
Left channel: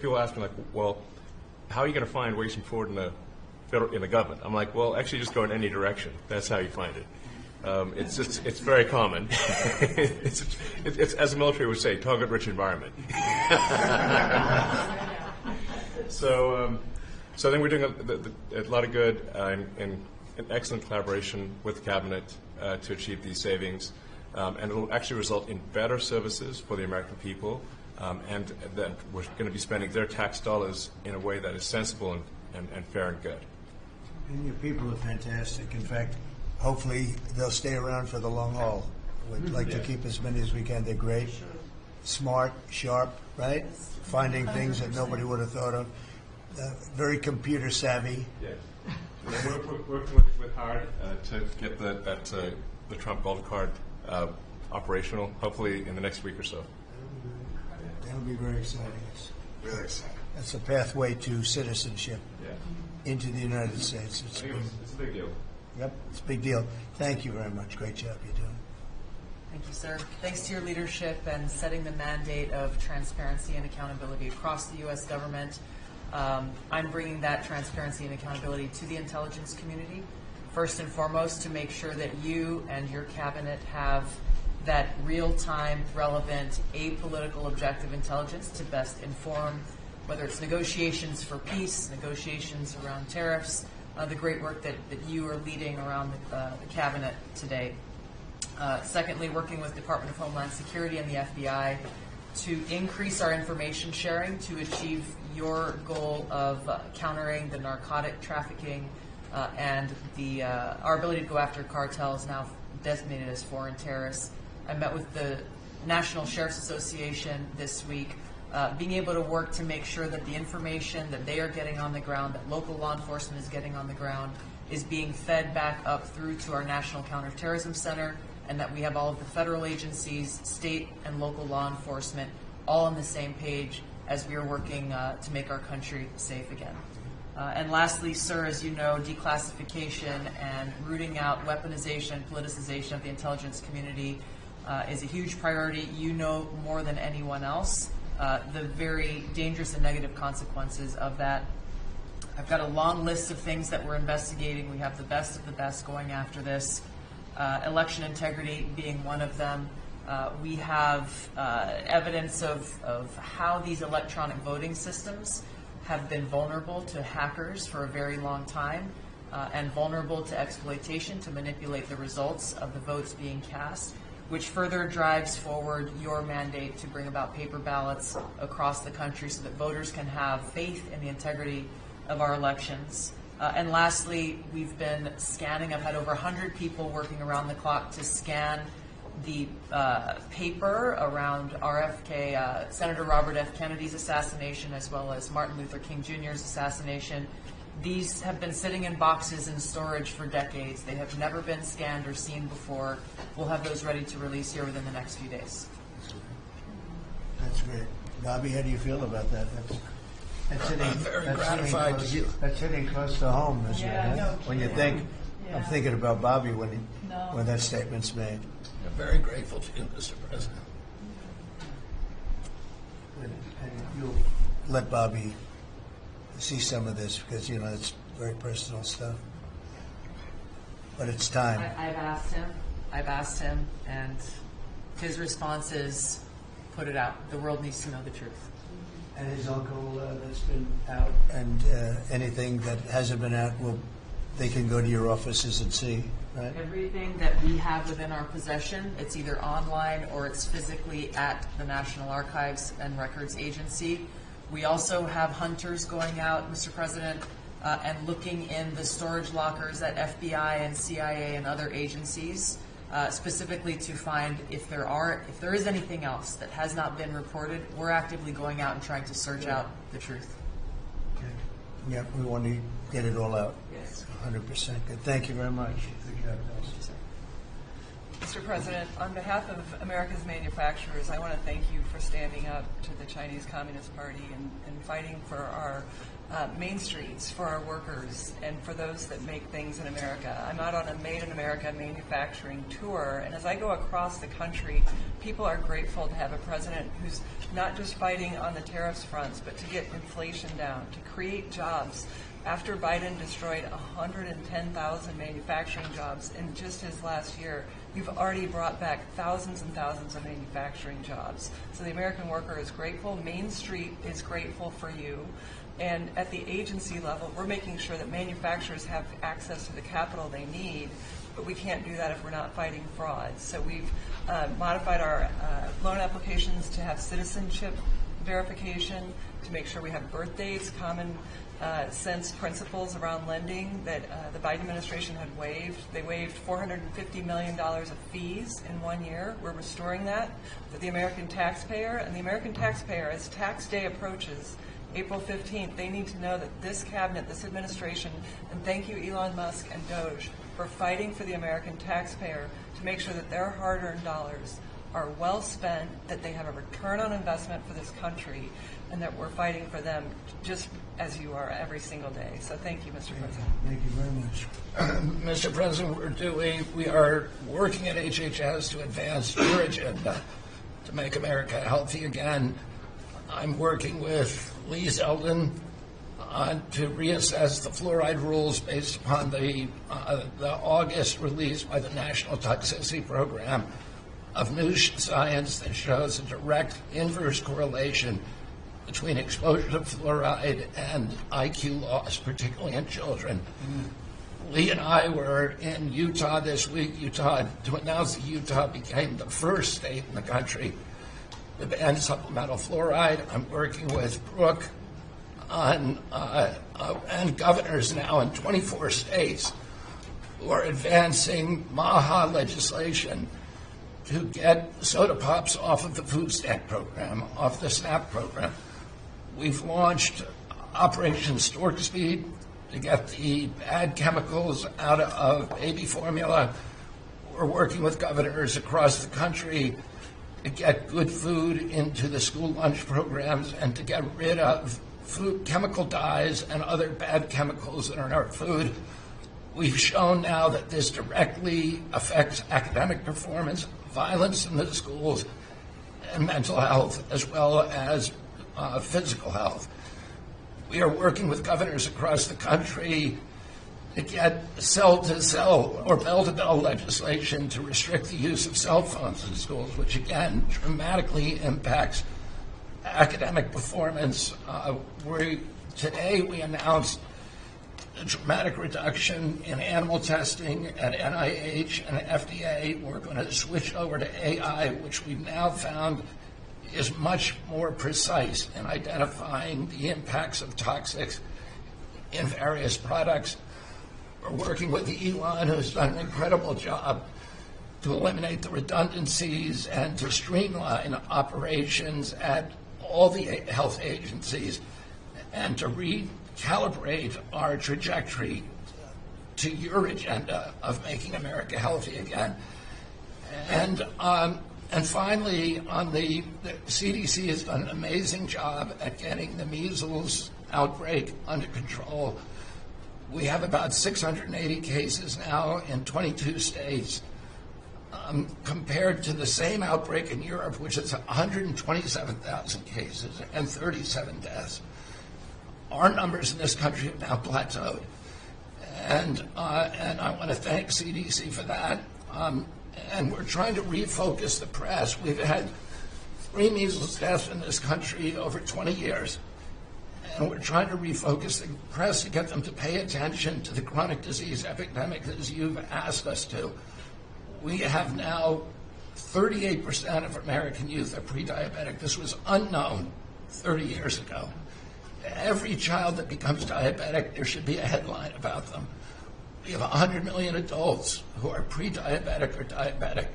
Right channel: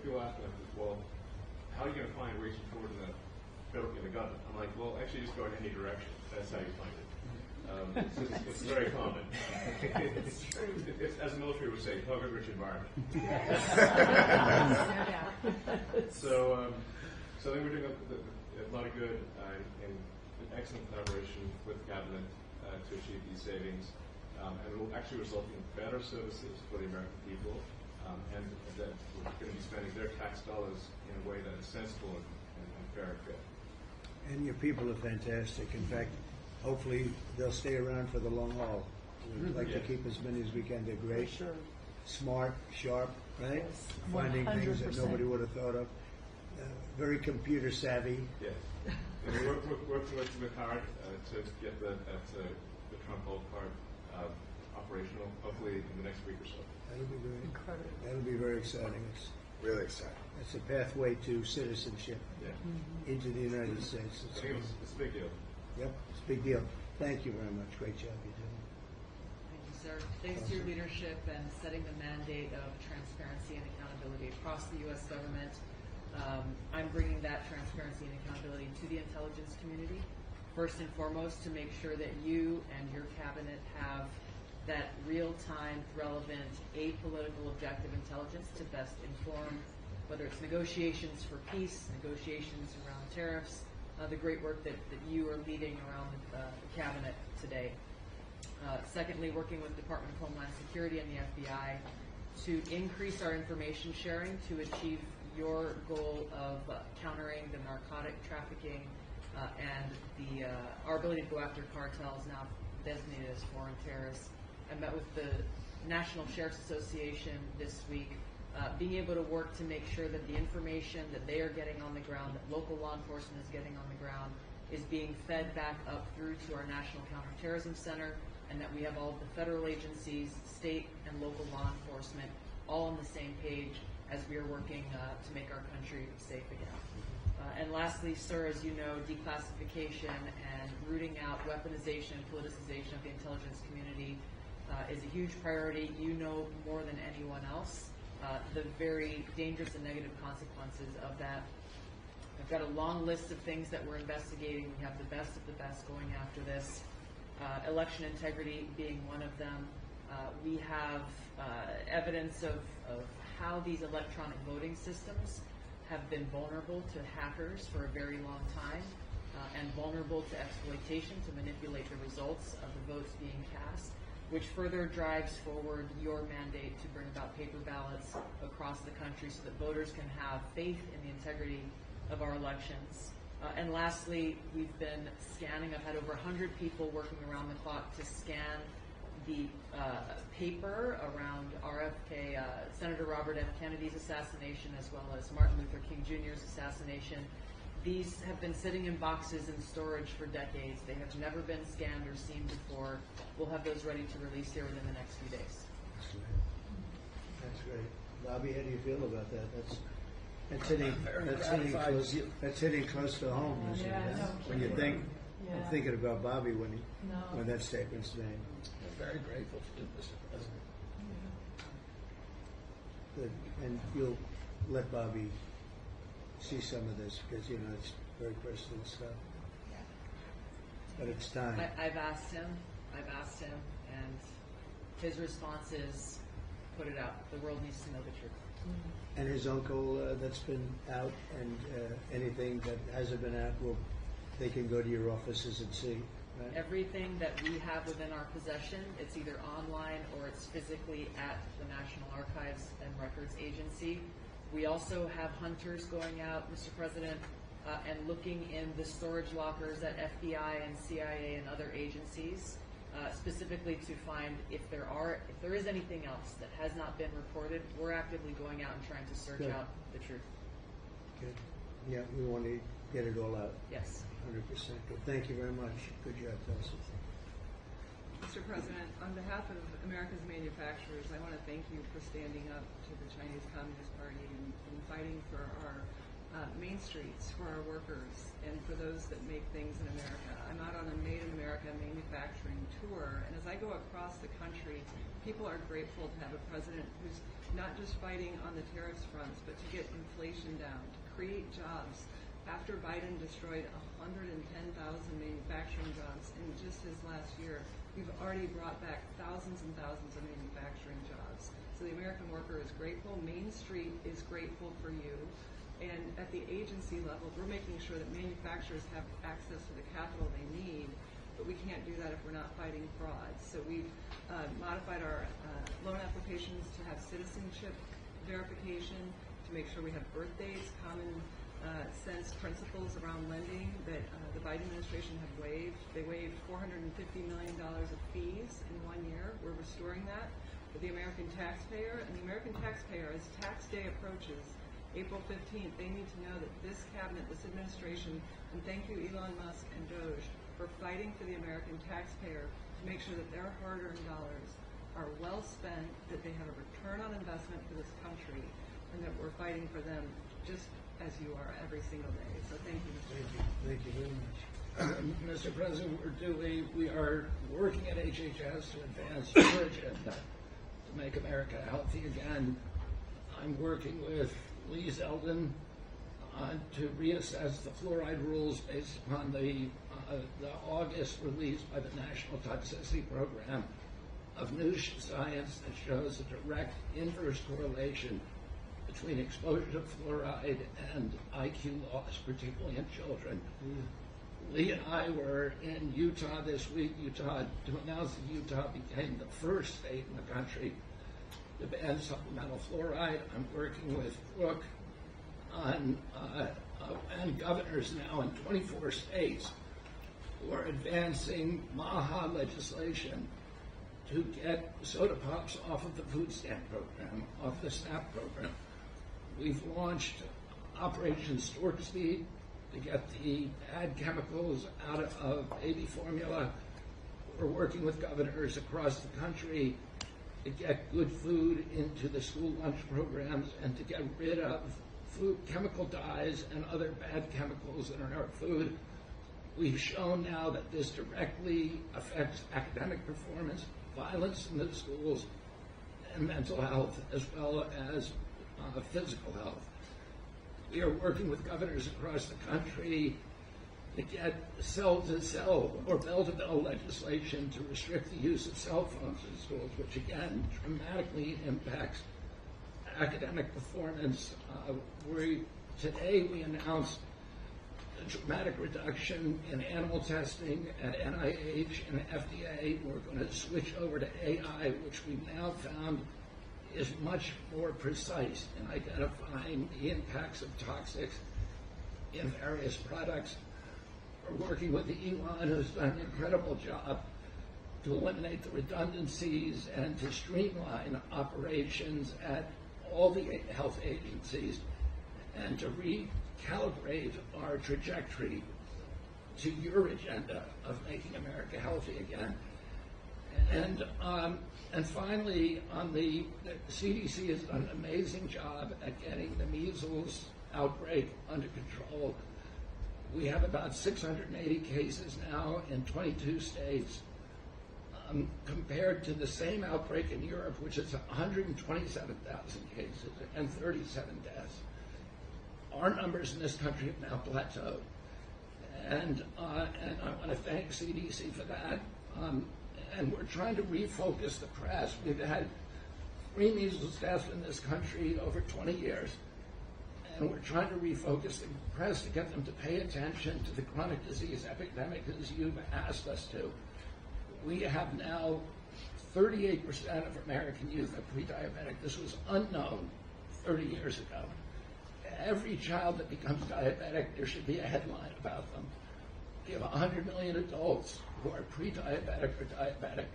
people ask me like, well, how are you going to find waste and fraud in the government? I'm like, well, actually just go in any direction. That's how you find it. It's very common. it's as the military would say, target-rich environment. So I think we're doing a lot of good and excellent collaboration with the cabinet to achieve these savings. And it will actually result in better services for the American people, and that we're going to be spending their tax dollars in a way that is sensible and fair and good. And your people are fantastic. In fact, hopefully they'll stay around for the long haul. We'd like to keep as many as we can. They're great, smart, sharp, right? Finding things that nobody would have thought of. Very computer savvy. Yeah. We're working with hard to get the Trump Gold Card operational, hopefully in the next week or so. That'll be great. That'll be very exciting. It's Really exciting. That's a pathway to citizenship into the United States. It's a big deal. Yep, it's a big deal. Thank you very much. Great job you're doing. Thank you, sir. Thanks to your leadership and setting the mandate of transparency and accountability across the U.S. government. I'm bringing that transparency and accountability to the intelligence community, first and foremost, to make sure that you and your cabinet have that real-time, relevant, apolitical, objective intelligence to best inform whether it's negotiations for peace, negotiations around tariffs, the great work that you are leading around the cabinet today. Secondly, working with the Department of Homeland Security and the FBI to increase our information sharing to achieve your goal of countering the narcotic trafficking and our ability to go after cartels now designated as foreign terrorists. I met with the National Sheriff's Association this week, being able to work to make sure that the information that they are getting on the ground, that local law enforcement is getting on the ground, is being fed back up through to our National Counterterrorism Center, and that we have all of the federal agencies, state and local law enforcement, all on the same page as we are working to make our country safe again. And lastly, sir, as you know, declassification and rooting out weaponization and politicization of the intelligence community is a huge priority. You know more than anyone else the very dangerous and negative consequences of that. I've got a long list of things that we're investigating. We have the best of the best going after this. Election integrity being one of them. We have evidence of how these electronic voting systems have been vulnerable to hackers for a very long time and vulnerable to exploitation to manipulate the results of the votes being cast, which further drives forward your mandate to bring about paper ballots across the country so that voters can have faith in the integrity of our elections. And lastly, we've been scanning. I've had over 100 people working around the clock to scan the paper around RFK, Senator Robert F. Kennedy's assassination, as well as Martin Luther King Jr.'s assassination, These have been sitting in boxes in storage for decades. They have never been scanned or seen before. We'll have those ready to release here within the next few days. That's great. Bobby, how do you feel about that? That's hitting, very that's gratified hitting close, to- that's hitting close to home, isn't Yeah, it? no When you kidding. think, I'm Yeah. thinking about Bobby when No. when that statement's made. I'm very grateful to you, Mr. President. And you'll let Bobby see some of this because, you know, it's very personal stuff. But it's time. I've asked him, and his response is, put it out. The world needs to know the truth. And his uncle that's been out, and anything that hasn't been out, they can go to your offices and see, right? Everything that we have within our possession, it's either online or it's physically at the National Archives and Records Agency. We also have hunters going out, Mr. President, and looking in the storage lockers at FBI and CIA and other agencies, specifically to find if there is anything else that has not been reported. We're actively going out and trying to search out the truth. Okay. Yeah, we want to get it all out. Yes. 100% good. Thank you very much. Good job, guys. Mr. President, on behalf of America's manufacturers, I want to thank you for standing up to the Chinese Communist Party and fighting for our main streets, for our workers, and for those that make things in America. I'm out on a Made in America manufacturing tour, and as I go across the country, people are grateful to have a president who's not just fighting on the tariffs fronts, but to get inflation down, to create jobs. After Biden destroyed 110,000 manufacturing jobs in just his last year, you've already brought back thousands and thousands of manufacturing jobs. So the American worker is grateful. Main Street is grateful for you. And at the agency level, we're making sure that manufacturers have access to the capital they need, but we can't do that if we're not fighting fraud. So we've modified our loan applications to have citizenship verification, to make sure we have birth dates, common sense principles around lending that the Biden administration had waived. They waived $450 million of fees in 1 year. We're restoring that for the American taxpayer. And the American taxpayer, as tax day approaches, April 15th, they need to know that this cabinet, this administration, and thank you Elon Musk and Doge for fighting for the American taxpayer to make sure that their hard-earned dollars are well spent, that they have a return on investment for this country, and that we're fighting for them just as you are every single day. So thank you, Mr. President. Thank you very much. Mr. President, we are working at HHS to advance your agenda to make America healthy again. I'm working with Lee Zeldin to reassess the fluoride rules based upon the August release by the National Toxicity Program of new science that shows a direct inverse correlation between exposure to fluoride and IQ loss, particularly in children. Lee and I were in Utah this week, to announce that Utah became the first state in the country to ban supplemental fluoride. I'm working with Brooke on and governors now in 24 states who are advancing MAHA legislation to get soda pops off of the food stamp program, off the SNAP program. We've launched Operation Stork Speed to get the bad chemicals out of baby formula. We're working with governors across the country to get good food into the school lunch programs and to get rid of food chemical dyes and other bad chemicals that are in our food. We've shown now that this directly affects academic performance, violence in the schools, and mental health, as well as physical health. We are working with governors across the country to get cell-to-cell or bell-to-bell legislation to restrict the use of cell phones in schools, which again dramatically impacts academic performance. Today we announced a dramatic reduction in animal testing at NIH and FDA. We're going to switch over to AI, which we've now found is much more precise in identifying the impacts of toxics in various products. We're working with Elon, who's done an incredible job to eliminate the redundancies and to streamline operations at all the health agencies. and to recalibrate our trajectory to your agenda of making America healthy again. And finally, the CDC has done an amazing job at getting the measles outbreak under control. We have about 680 cases now in 22 states, compared to the same outbreak in Europe, which is 127,000 cases and 37 deaths. Our numbers in this country have now plateaued. And I want to thank CDC for that. And we're trying to refocus the press. We've had 3 measles deaths in this country over 20 years. And we're trying to refocus the press to get them to pay attention to the chronic disease epidemic as you've asked us to. We have now 38% of American youth are pre-diabetic. This was unknown 30 years ago. Every child that becomes diabetic, there should be a headline about them. We have 100 million adults who are pre-diabetic or diabetic.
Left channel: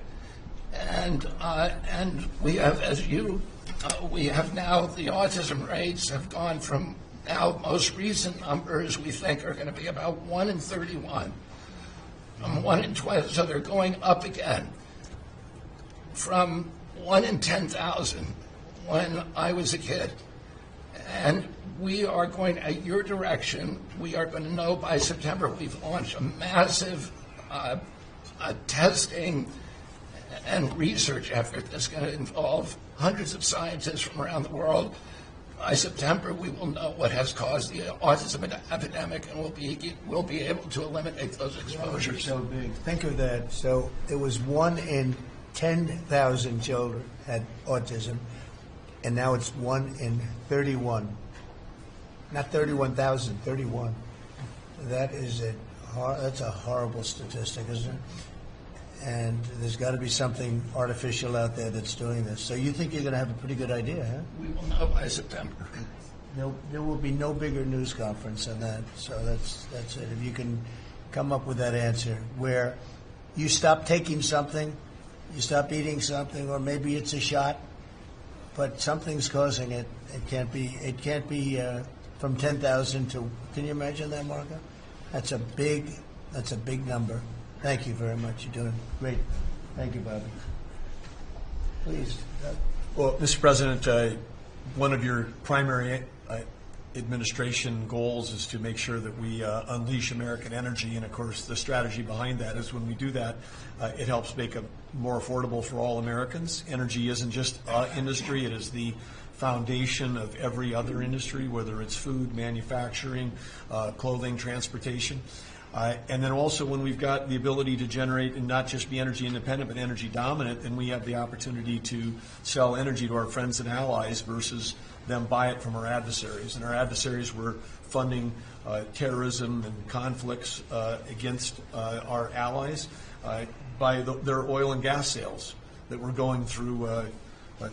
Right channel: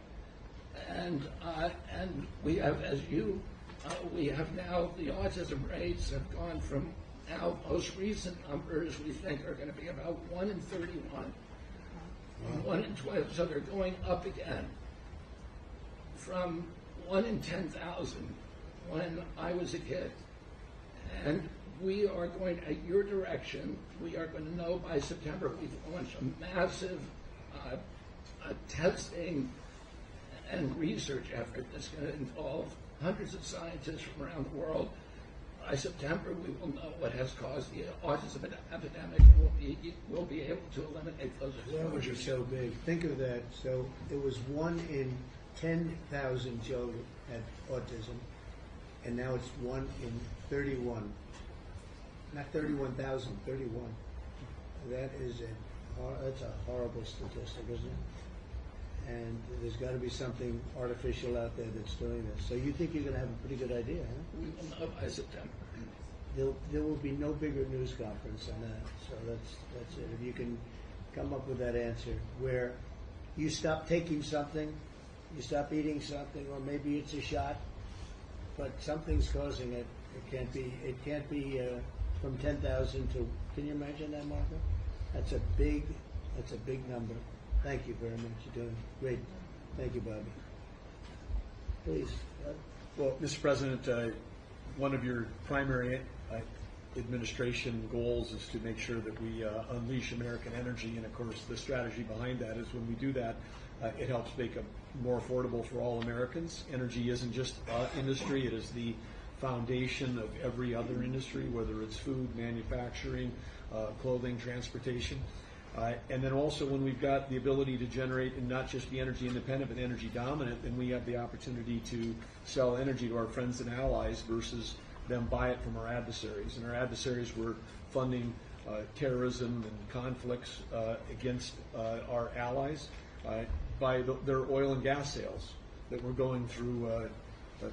And we have, we have now, the autism rates have gone from now most recent numbers we think are going to be about 1 in 31, from 1 in 12, so they're going up again, from 1 in 10,000 when I was a kid. And we are going, at your direction, we are going to know by September. We've launched a massive testing and research effort that's going to involve hundreds of scientists from around the world. By September, we will know what has caused the autism epidemic, and we'll be able to eliminate those exposures. So big. Think of that. So it was 1 in 10,000 children had autism, and now it's 1 in 31. Not 31,000, 31. That is that's a horrible statistic, isn't it? And there's got to be something artificial out there that's doing this. So you think you're going to have a pretty good idea, huh? We will know by September. There will be no bigger news conference than that. So that's it. If you can come up with that answer where you stop taking something, you stop eating something, or maybe it's a shot, but something's causing it. It can't be from 10,000 to. Can you imagine that, Marco? That's a big number. Thank you very much. You're doing great. Thank you, Bobby. Please. Well, Mr. President, one of your primary administration goals is to make sure that we unleash American energy, and of course the strategy behind that is when we do that, it helps make it more affordable for all Americans. Energy isn't just industry, it is the foundation of every other industry, whether it's food, manufacturing, clothing, transportation. And then also when we've got the ability to generate and not just be energy independent but energy dominant, then we have the opportunity to sell energy to our friends and allies versus them buy it from our adversaries. And our adversaries were funding terrorism and conflicts against our allies by their oil and gas sales that were going through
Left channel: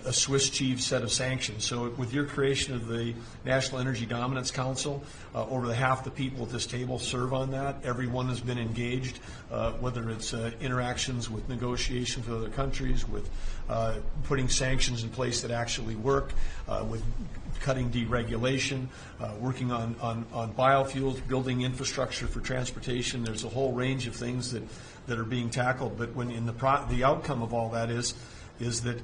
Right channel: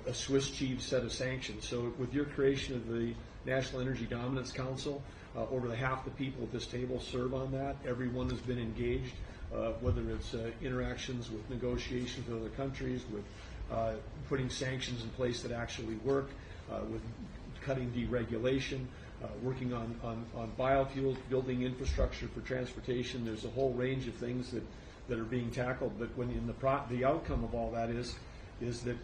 a Swiss cheese set of sanctions. So with your creation of the National Energy Dominance Council, over half the people at this table serve on that. Everyone has been engaged, whether it's interactions with negotiations with other countries, with putting sanctions in place that actually work, with cutting deregulation, working on biofuels, building infrastructure for transportation. There's a whole range of things that are being tackled. But when the outcome of all that is that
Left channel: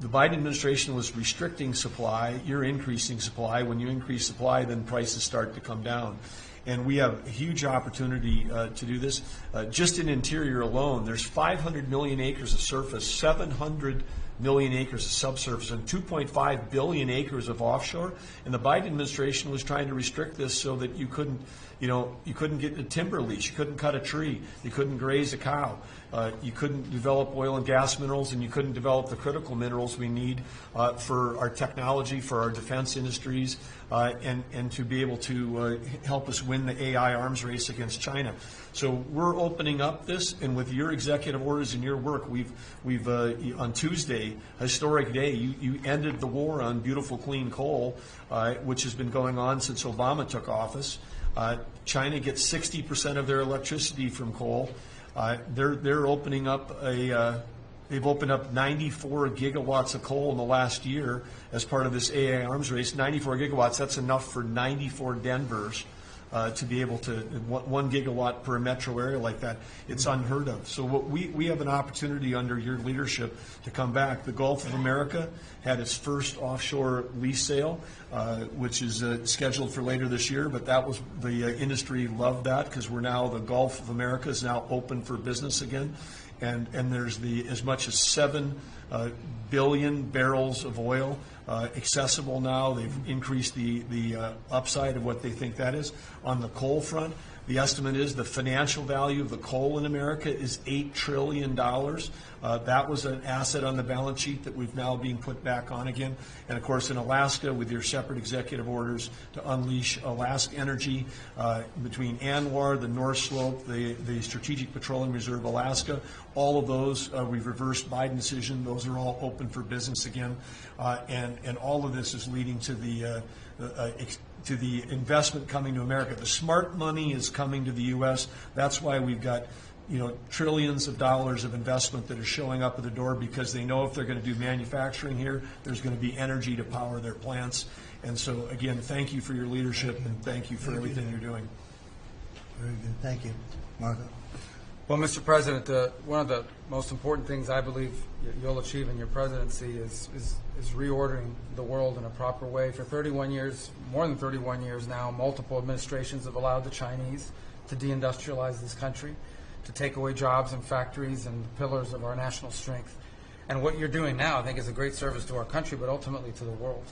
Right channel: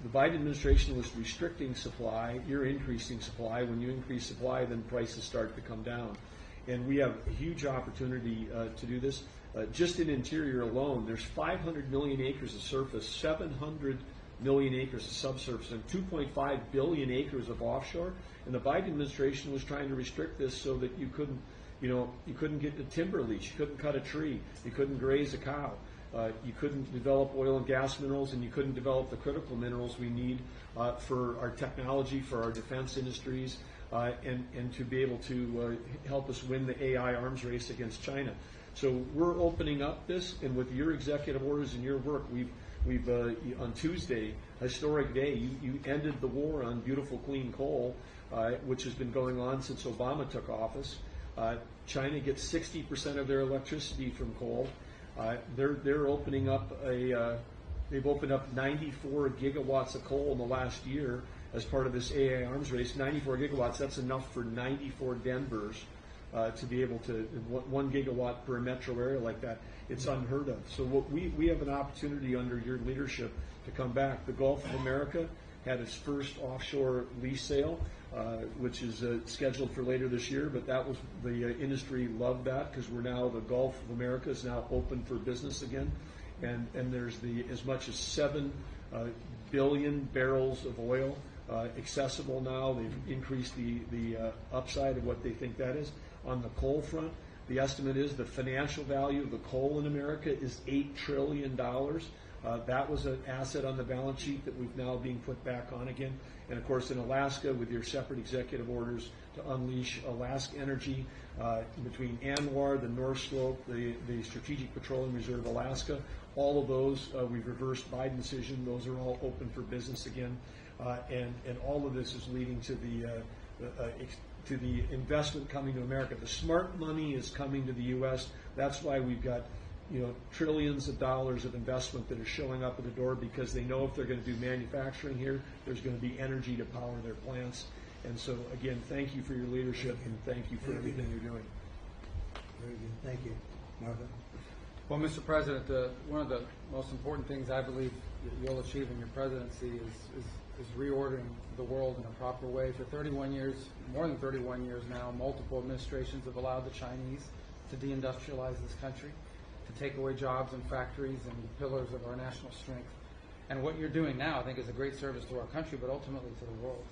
the Biden administration was restricting supply, you're increasing supply. When you increase supply, then prices start to come down. And we have a huge opportunity to do this. Just in interior alone, there's 500 million acres of surface, 700 million acres of subsurface, and 2.5 billion acres of offshore. And the Biden administration was trying to restrict this so that you couldn't get a timber lease, you couldn't cut a tree, you couldn't graze a cow. You couldn't develop oil and gas minerals, and you couldn't develop the critical minerals we need for our technology, for our defense industries, and to be able to help us win the AI arms race against China. So we're opening up this, and with your executive orders and your work, we've on Tuesday, historic day, you ended the war on beautiful clean coal, which has been going on since Obama took office. China gets 60% of their electricity from coal. They're opening up a They've opened up 94 gigawatts of coal in the last year as part of this AA arms race. 94 gigawatts, that's enough for 94 Denvers to be able to, 1 gigawatt per metro area like that. It's unheard of. So we have an opportunity under your leadership to come back. The Gulf of America had its first offshore lease sale, which is scheduled for later this year, but that was, the industry loved that because we're now, the Gulf of America is now open for business again. And there's as much as 7 billion barrels of oil accessible now. They've increased the upside of what they think that is. On the coal front, the estimate is the financial value of the coal in America is $8 trillion. That was an asset on the balance sheet that we've now being put back on again. And of course in Alaska, with your separate executive orders to unleash Alaska energy between ANWR, the North Slope, the Strategic Petroleum Reserve Alaska, all of those, we've reversed Biden decision. Those are all open for business again. And all of this is leading to the investment coming to America. The smart money is coming to the U.S. That's why we've got trillions of dollars of investment that are showing up at the door, because they know if they're going to do manufacturing here, there's going to be energy to power their plants. And so, again, thank you for your leadership and thank you for everything you're doing. Very good. Thank you. Marco. Well, Mr. President, one of the most important things I believe you'll achieve in your presidency is reordering the world in a proper way. For 31 years, more than 31 years now, multiple administrations have allowed the Chinese to deindustrialize this country, to take away jobs and factories and pillars of our national strength. And what you're doing now, I think, is a great service to our country, but ultimately to the world.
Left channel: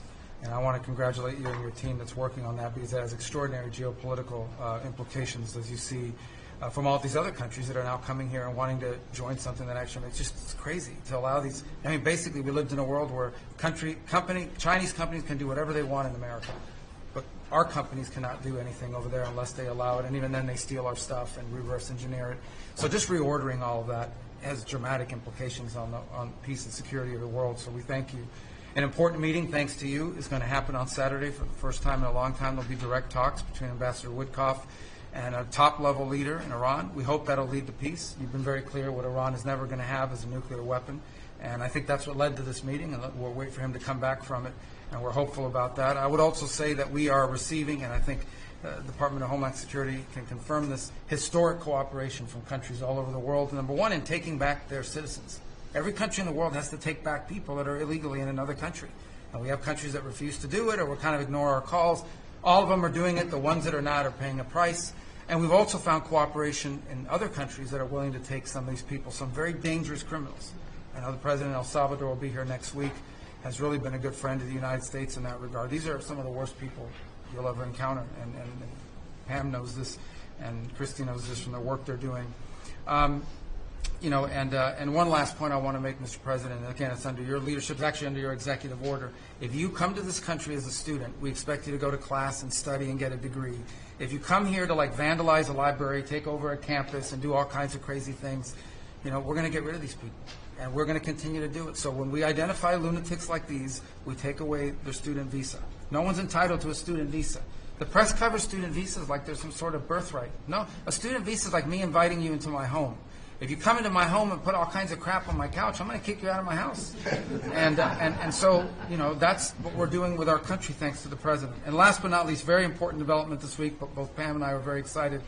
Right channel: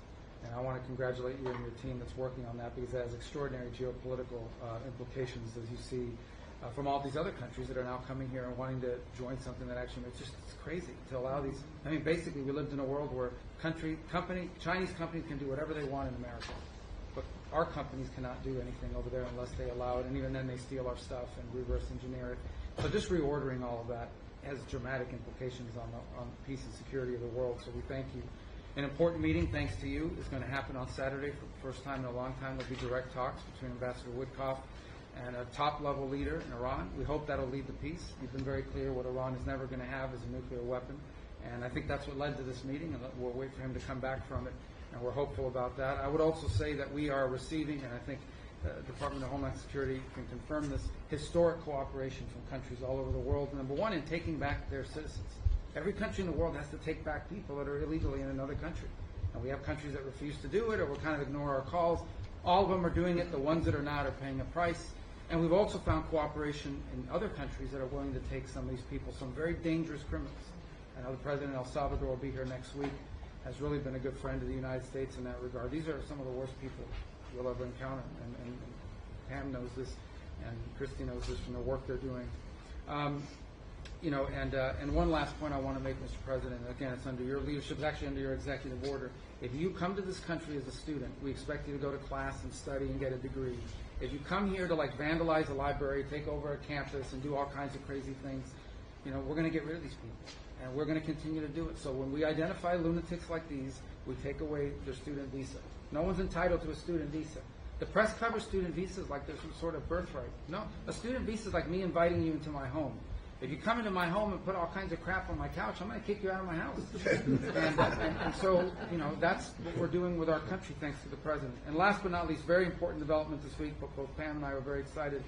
And I want to congratulate you and your team that's working on that, because it has extraordinary geopolitical implications, as you see from all these other countries that are now coming here and wanting to join something that actually, it's crazy to allow these. I mean, basically, we lived in a world where Chinese companies can do whatever they want in America, but our companies cannot do anything over there unless they allow it, and even then they steal our stuff and reverse engineer it. So just reordering all of that has dramatic implications on peace and security of the world, so we thank you. An important meeting, thanks to you, is going to happen on Saturday for the first time in a long time. There'll be direct talks between Ambassador Witkoff and a top-level leader in Iran. We hope that'll lead to peace. You've been very clear what Iran is never going to have is a nuclear weapon, and I think that's what led to this meeting, and we'll wait for him to come back from it, and we're hopeful about that. I would also say that we are receiving, and I think the Department of Homeland Security can confirm this, historic cooperation from countries all over the world. Number one, in taking back their citizens. Every country in the world has to take back people that are illegally in another country. And we have countries that refuse to do it or will kind of ignore our calls. All of them are doing it. The ones that are not are paying a price. And we've also found cooperation in other countries that are willing to take some of these people, some very dangerous criminals. I know the President of El Salvador will be here next week, has really been a good friend of the United States in that regard. These are some of the worst people you'll ever encounter. And Pam knows this, and Christy knows this from the work they're doing. And one last point I want to make, Mr. President, and again, it's under your leadership, it's actually under your executive order. If you come to this country as a student, we expect you to go to class and study and get a degree. If you come here to vandalize a library, take over a campus, and do all kinds of crazy things, we're going to get rid of these people, and we're going to continue to do it. So when we identify lunatics like these, we take away their student visa. No one's entitled to a student visa. The press covers student visas like there's some sort of birthright. No, a student visa is like me inviting you into my home. If you come into my home and put all kinds of crap on my couch, I'm going to kick you out of my house. And so, that's what we're doing with our country, thanks to the President. And last but not least, very important development this week, but both Pam and I are very excited.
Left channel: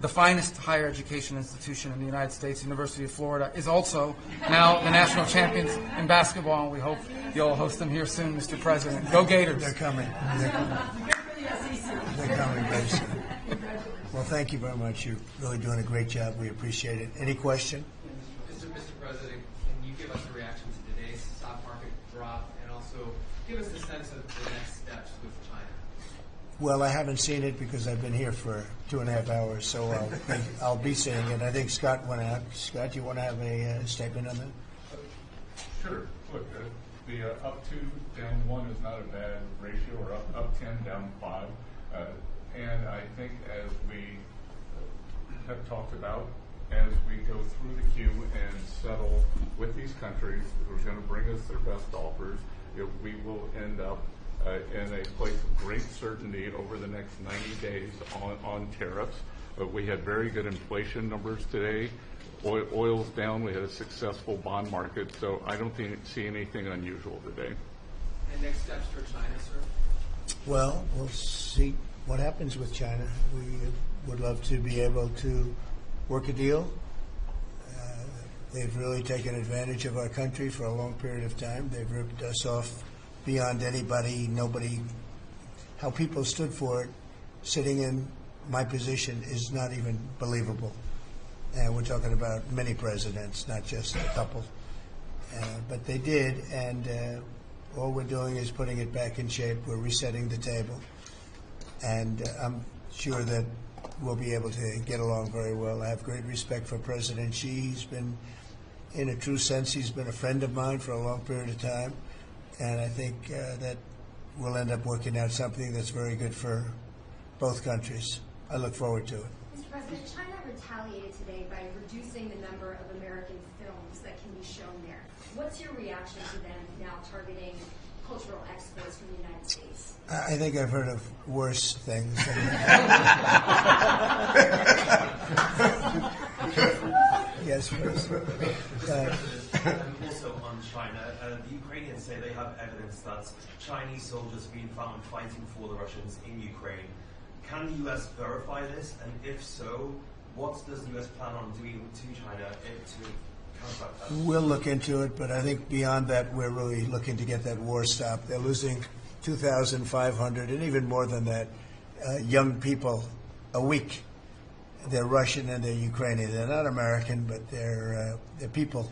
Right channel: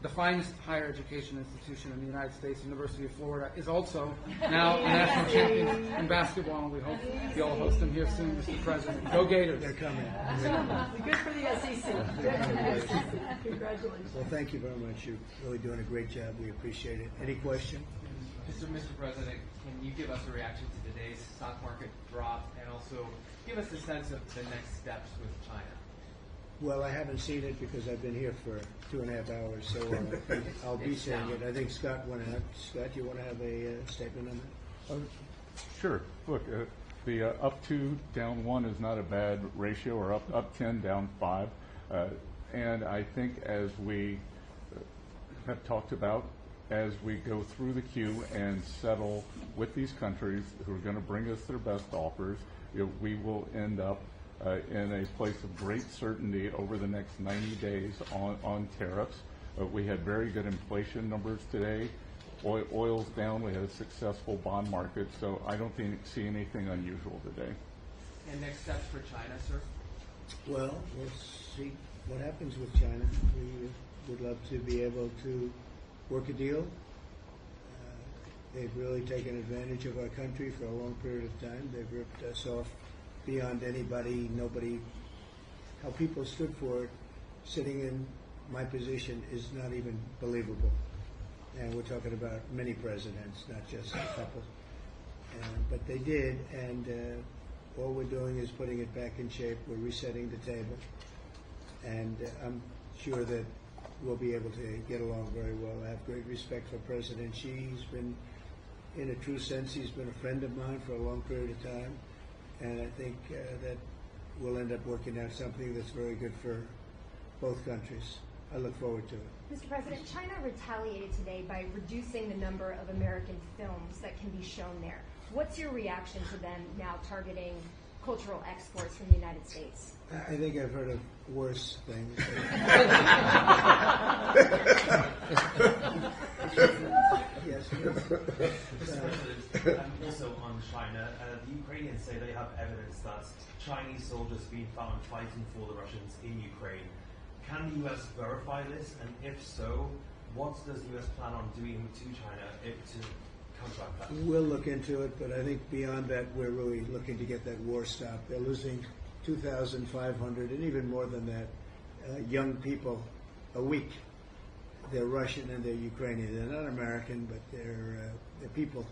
The finest higher education institution in the United States, University of Florida, is also now the national champions in basketball, and we hope you'll host them here soon, Mr. President. Go Gators. They're coming. Good for the SEC. They're coming, guys. Well, thank you very much. You're really doing a great job. We appreciate it. Any question? Mr. President, can you give us a reaction to today's stock market drop, and also give us a sense of the next steps with China? Well, I haven't seen it because I've been here for 2.5 hours, so I'll be seeing it. I think Scott went out. Scott, you want to have a statement on that? Sure. Look, the up 2, down 1 is not a bad ratio, or up 10, down 5. And I think, as we have talked about, as we go through the queue and settle with these countries who are going to bring us their best offers, we will end up in a place of great certainty over the next 90 days on tariffs. But we had very good inflation numbers today. Oil's down. We had a successful bond market, so I don't see anything unusual today. And next steps for China, sir? Well, we'll see what happens with China. We would love to be able to work a deal. They've really taken advantage of our country for a long period of time. They've ripped us off beyond nobody. How people stood for it, sitting in my position, is not even believable. And we're talking about many presidents, not just a couple. But they did, and all we're doing is putting it back in shape. We're resetting the table. And I'm sure that we'll be able to get along very well. I have great respect for President Xi. He's been, in a true sense, he's been a friend of mine for a long period of time. And I think that we'll end up working out something that's very good for both countries. I look forward to it. Mr. President, China retaliated today by reducing the number of American films that can be shown there. What's your reaction to them now targeting cultural exports from the United States? I think I've heard of worse things. Yes, please. Also on China, the Ukrainians say they have evidence that Chinese soldiers being found fighting for the Russians in Ukraine. Can the U.S. verify this? And if so, what does the U.S. plan on doing to China to counteract that? We'll look into it, but I think beyond that, we're really looking to get that war stopped. They're losing 2,500 and even more than that young people a week. They're Russian and they're Ukrainian. They're not American, but they're people.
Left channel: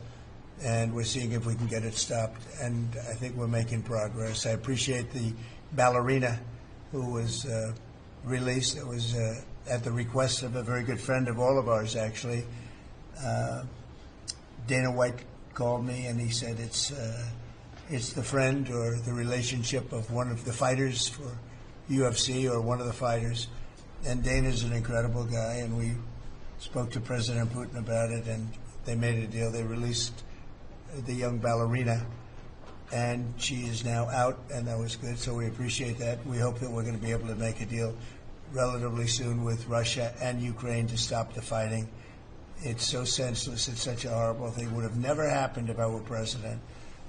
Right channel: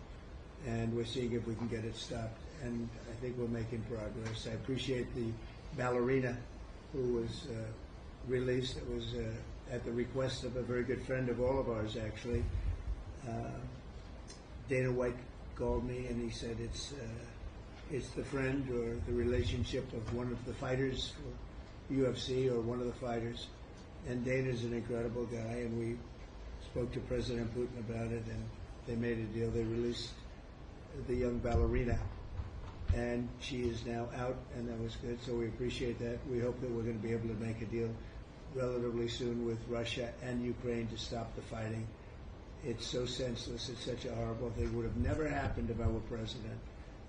And we're seeing if we can get it stopped. And I think we're making progress. I appreciate the ballerina who was released. It was at the request of a very good friend of all of ours, actually. Dana White called me and he said it's the friend or the relationship of one of the fighters for UFC or one of the fighters. And Dana's an incredible guy, and we spoke to President Putin about it, and they made a deal. They released the young ballerina, and she is now out, and that was good, so we appreciate that. We hope that we're going to be able to make a deal relatively soon with Russia and Ukraine to stop the fighting. It's so senseless. It's such a horrible thing. It would have never happened if I were president,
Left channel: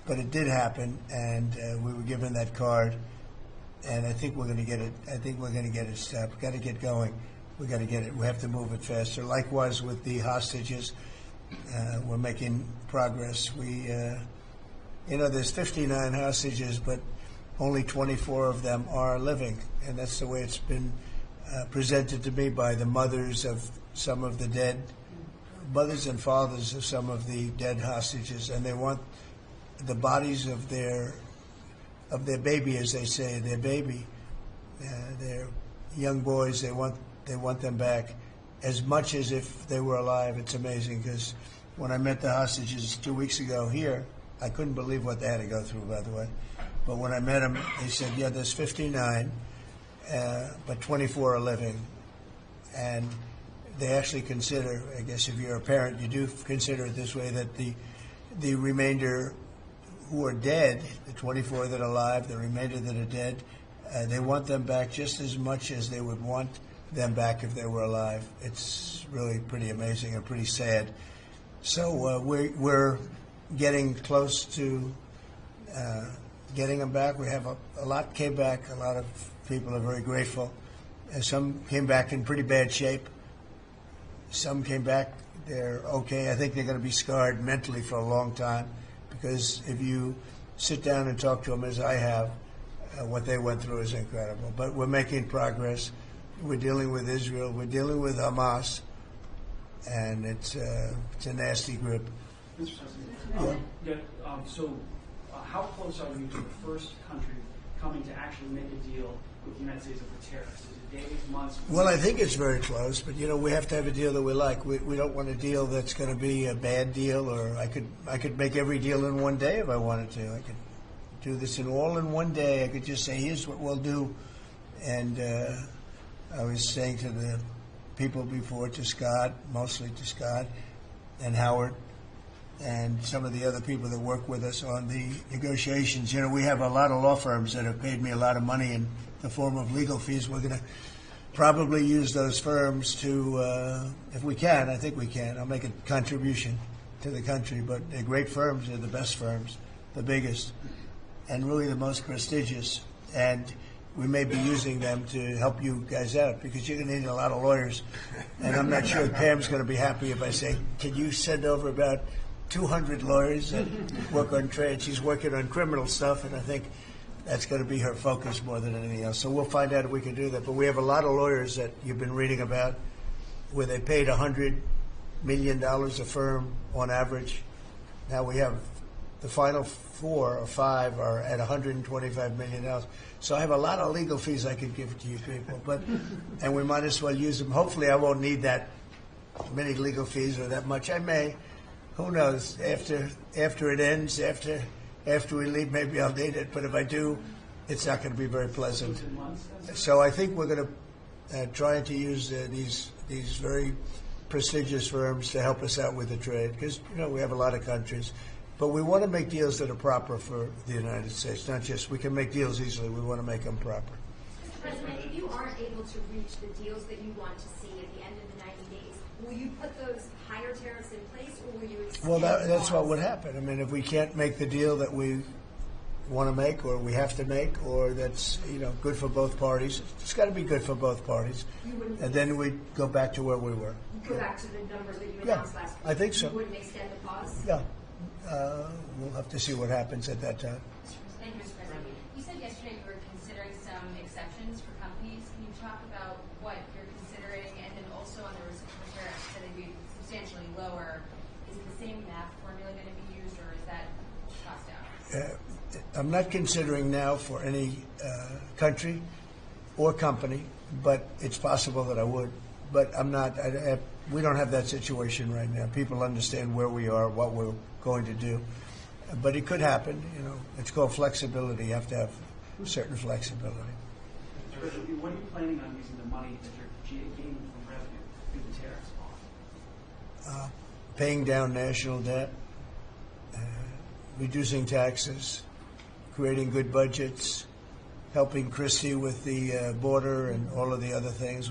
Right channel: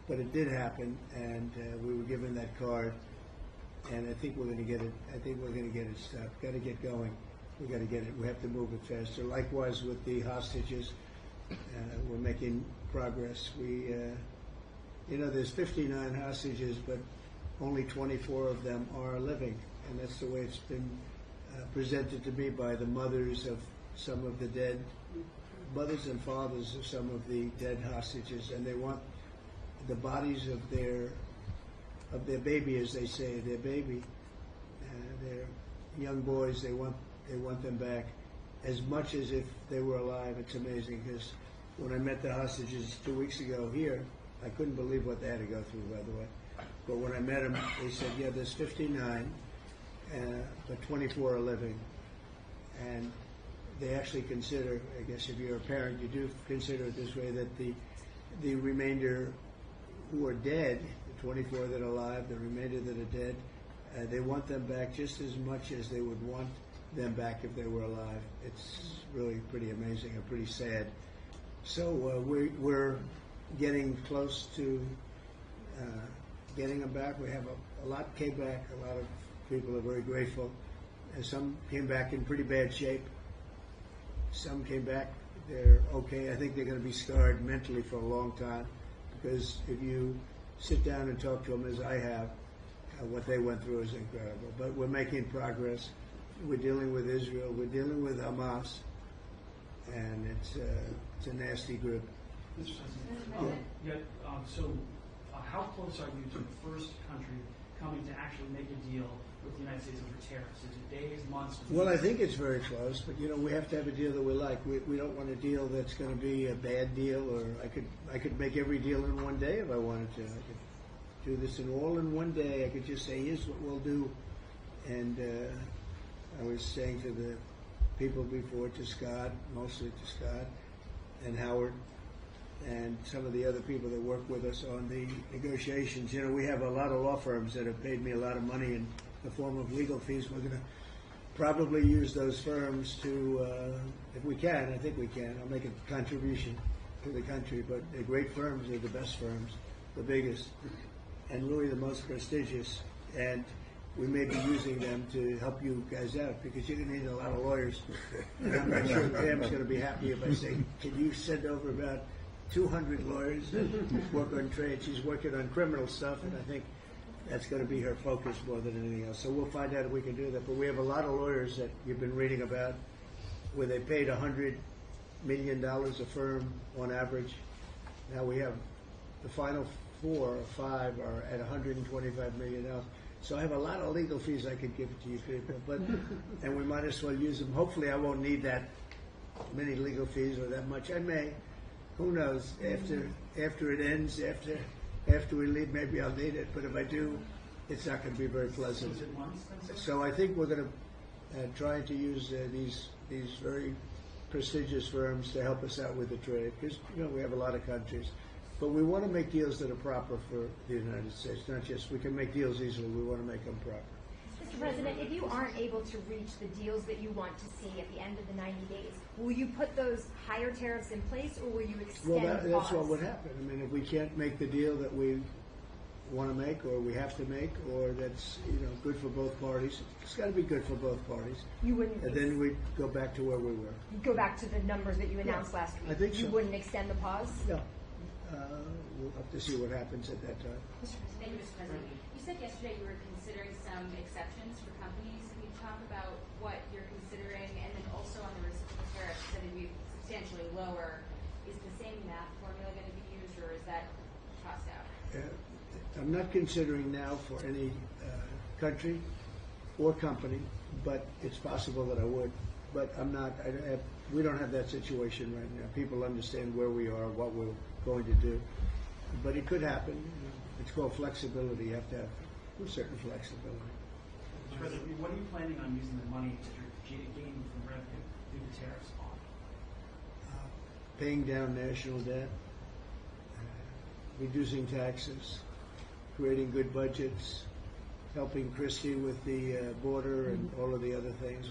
but it did happen, and we were given that card. And I think we're going to get it. I think we're going to get it stopped. We've got to get going. We've got to get it. We have to move it faster. Likewise with the hostages, we're making progress. There's 59 hostages, but only 24 of them are living, and that's the way it's been presented to me by the mothers of some of the dead, mothers and fathers of some of the dead hostages, and they want the bodies of their baby, as they say, their baby, their young boys. They want them back as much as if they were alive. It's amazing because when I met the hostages 2 weeks ago here, I couldn't believe what they had to go through, by the way. But when I met them, they said, yeah, there's 59, but 24 are living. And they actually consider, I guess if you're a parent, you do consider it this way, that the remainder who are dead, the 24 that are alive, the remainder that are dead, they want them back just as much as they would want them back if they were alive. It's really pretty amazing and pretty sad. So we're getting close to getting them back. We have a lot came back. A lot of people are very grateful. Some came back in pretty bad shape. Some came back, they're okay. I think they're going to be scarred mentally for a long time. Because if you sit down and talk to them, as I have, what they went through is incredible. But we're making progress. We're dealing with Israel. We're dealing with Hamas, and it's a nasty grip. Mr. President, how close are you to the first country coming to actually make a deal with the United States over tariffs? Is it days, months? Well, I think it's very close, but we have to have a deal that we like. We don't want a deal that's going to be a bad deal, or I could make every deal in one day if I wanted to. I could do this all in one day. I could just say, here's what we'll do. And I was saying to the people before, to Scott, mostly to Scott and Howard, and some of the other people that work with us on the negotiations. We have a lot of law firms that have paid me a lot of money in the form of legal fees. We're going to probably use those firms to, if we can, I think we can. I'll make a contribution to the country, but they're great firms. They're the best firms, the biggest, and really the most prestigious. And we may be using them to help you guys out because you're going to need a lot of lawyers. And I'm not sure Pam's going to be happy if I say, can you send over about 200 lawyers that work on trade? She's working on criminal stuff, and I think that's going to be her focus more than anything else. So we'll find out if we can do that. But we have a lot of lawyers that you've been reading about where they paid $100 million a firm on average. Now we have the final 4 or 5 are at $125 million. So I have a lot of legal fees I could give to you people, and we might as well use them. Hopefully I won't need that many legal fees or that much. I may. Who knows? After it ends, after we leave, maybe I'll need it. But if I do, it's not going to be very pleasant. So I think we're going to try to use these very prestigious firms to help us out with the trade because we have a lot of countries. But we want to make deals that are proper for the United States, not just we can make deals easily. We want to make them proper. Mr. President, if you aren't able to reach the deals that you want to see at the end of the 90 days, will you put those higher tariffs in place, or will you extend? Well, that's what would happen. I mean, if we can't make the deal that we want to make, or we have to make, or that's good for both parties, it's got to be good for both parties. You wouldn't. And then we go back to where we were. You go back to the numbers that you announced last week. I think so. You wouldn't extend the pause. No. We'll have to see what happens at that time. Thank you, Mr. President. You said yesterday you were considering some exceptions for companies. Can you talk about what you're considering, and then also on the reciprocal tariffs that are substantially lower? Is the same math formula going to be used, or is that tossed out? I'm not considering now for any country or company, but it's possible that I would. But I'm not. We don't have that situation right now. People understand where we are, what we're going to do. But it could happen. It's called flexibility. You have to have certain flexibility. What are you planning on using the money that you're gaining from revenue through the tariffs on? Paying down national debt, reducing taxes, creating good budgets, helping Christie with the border and all of the other things.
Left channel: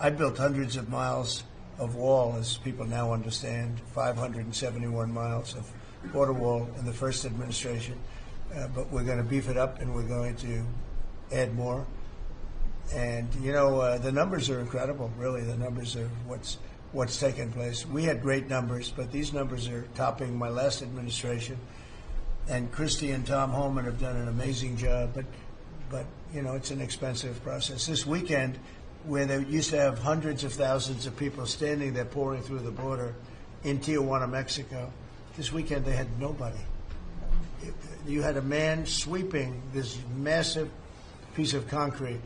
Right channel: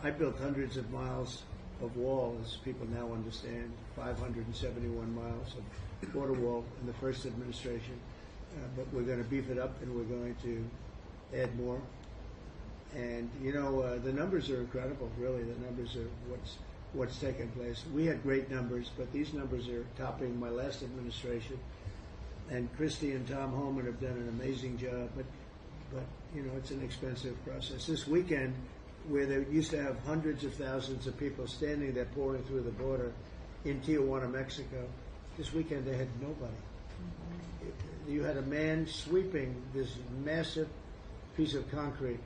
I built hundreds of miles of wall, as people now understand, 571 miles of border wall in the first administration. But we're going to beef it up, and we're going to add more. And the numbers are incredible. Really, the numbers are what's taken place. We had great numbers, but these numbers are topping my last administration. And Christie and Tom Homan have done an amazing job. But it's an expensive process. This weekend, where they used to have hundreds of thousands of people standing there pouring through the border in Tijuana, Mexico, this weekend they had nobody. You had a man sweeping this massive piece of concrete,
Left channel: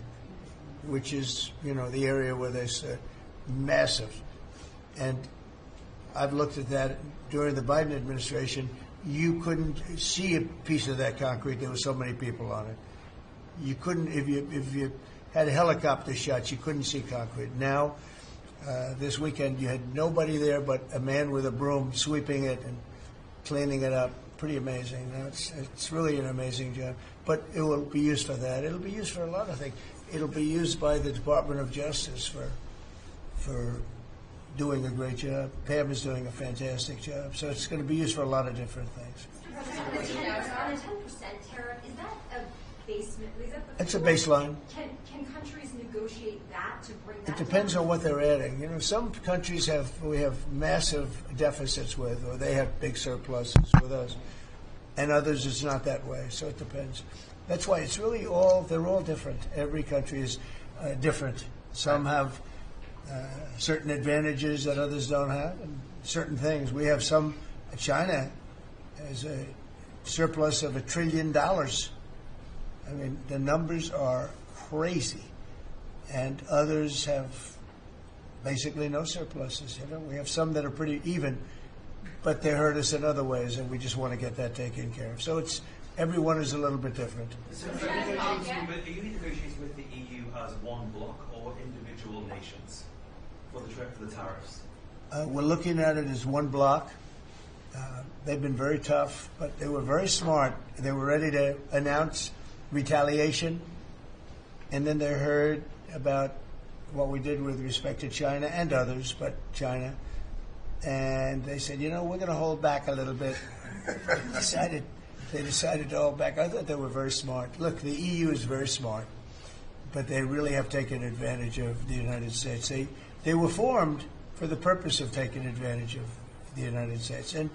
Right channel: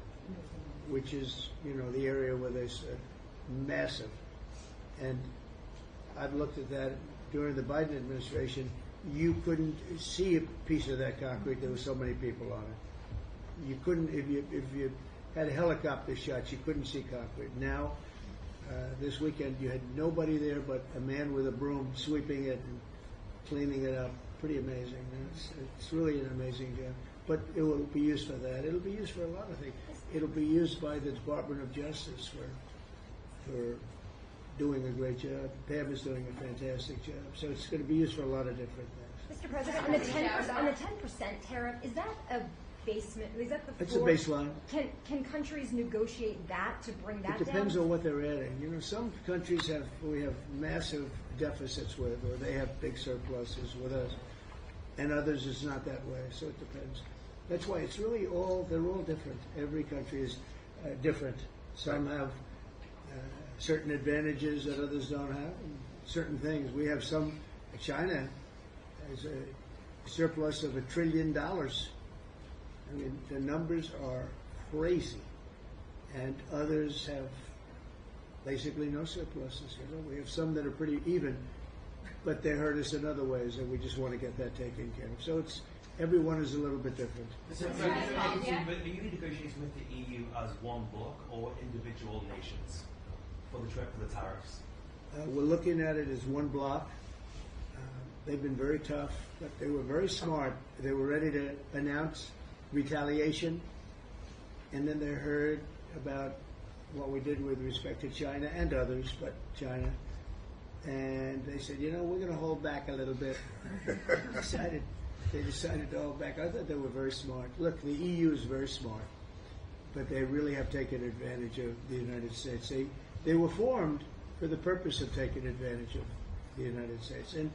which is, the area where they said massive. And I've looked at that during the Biden administration. You couldn't see a piece of that concrete. There were so many people on it. You couldn't, if you had a helicopter shots, you couldn't see concrete. Now, this weekend, you had nobody there but a man with a broom sweeping it and cleaning it up. Pretty amazing. Now, it's really an amazing job. But it will be used for that. It'll be used for a lot of things. It'll be used by the Department of Justice for doing a great job. Pam is doing a fantastic job. So it's going to be used for a lot of different things. Mr. President, on the 10% tariff, is that a basement? Is that the It's a floor? baseline. Can countries negotiate that to bring that It depends down? on what they're adding. Some countries we have massive deficits with, or they have big surpluses with us, and others it's not that way. So it depends. That's why it's really they're all different. Every country is different. Some have certain advantages that others don't have, and certain things. We have some. China has a surplus of $1 trillion. I mean, the numbers are crazy, and others have basically no surpluses. We have some that are pretty even, but they hurt us in other ways, and we just want to get that taken care of. So everyone is a little bit different. So are you negotiating with the EU as one bloc or individual nations for the tariffs? We're looking at it as one bloc. They've been very tough, but they were very smart. They were ready to announce retaliation, and then they heard about what we did with respect to China and others, but China. And they said, we're going to hold back a little bit. They decided to hold back. I thought they were very smart. Look, the EU is very smart, but they really have taken advantage of the United States. They were formed for the purpose of taking advantage of the United States. And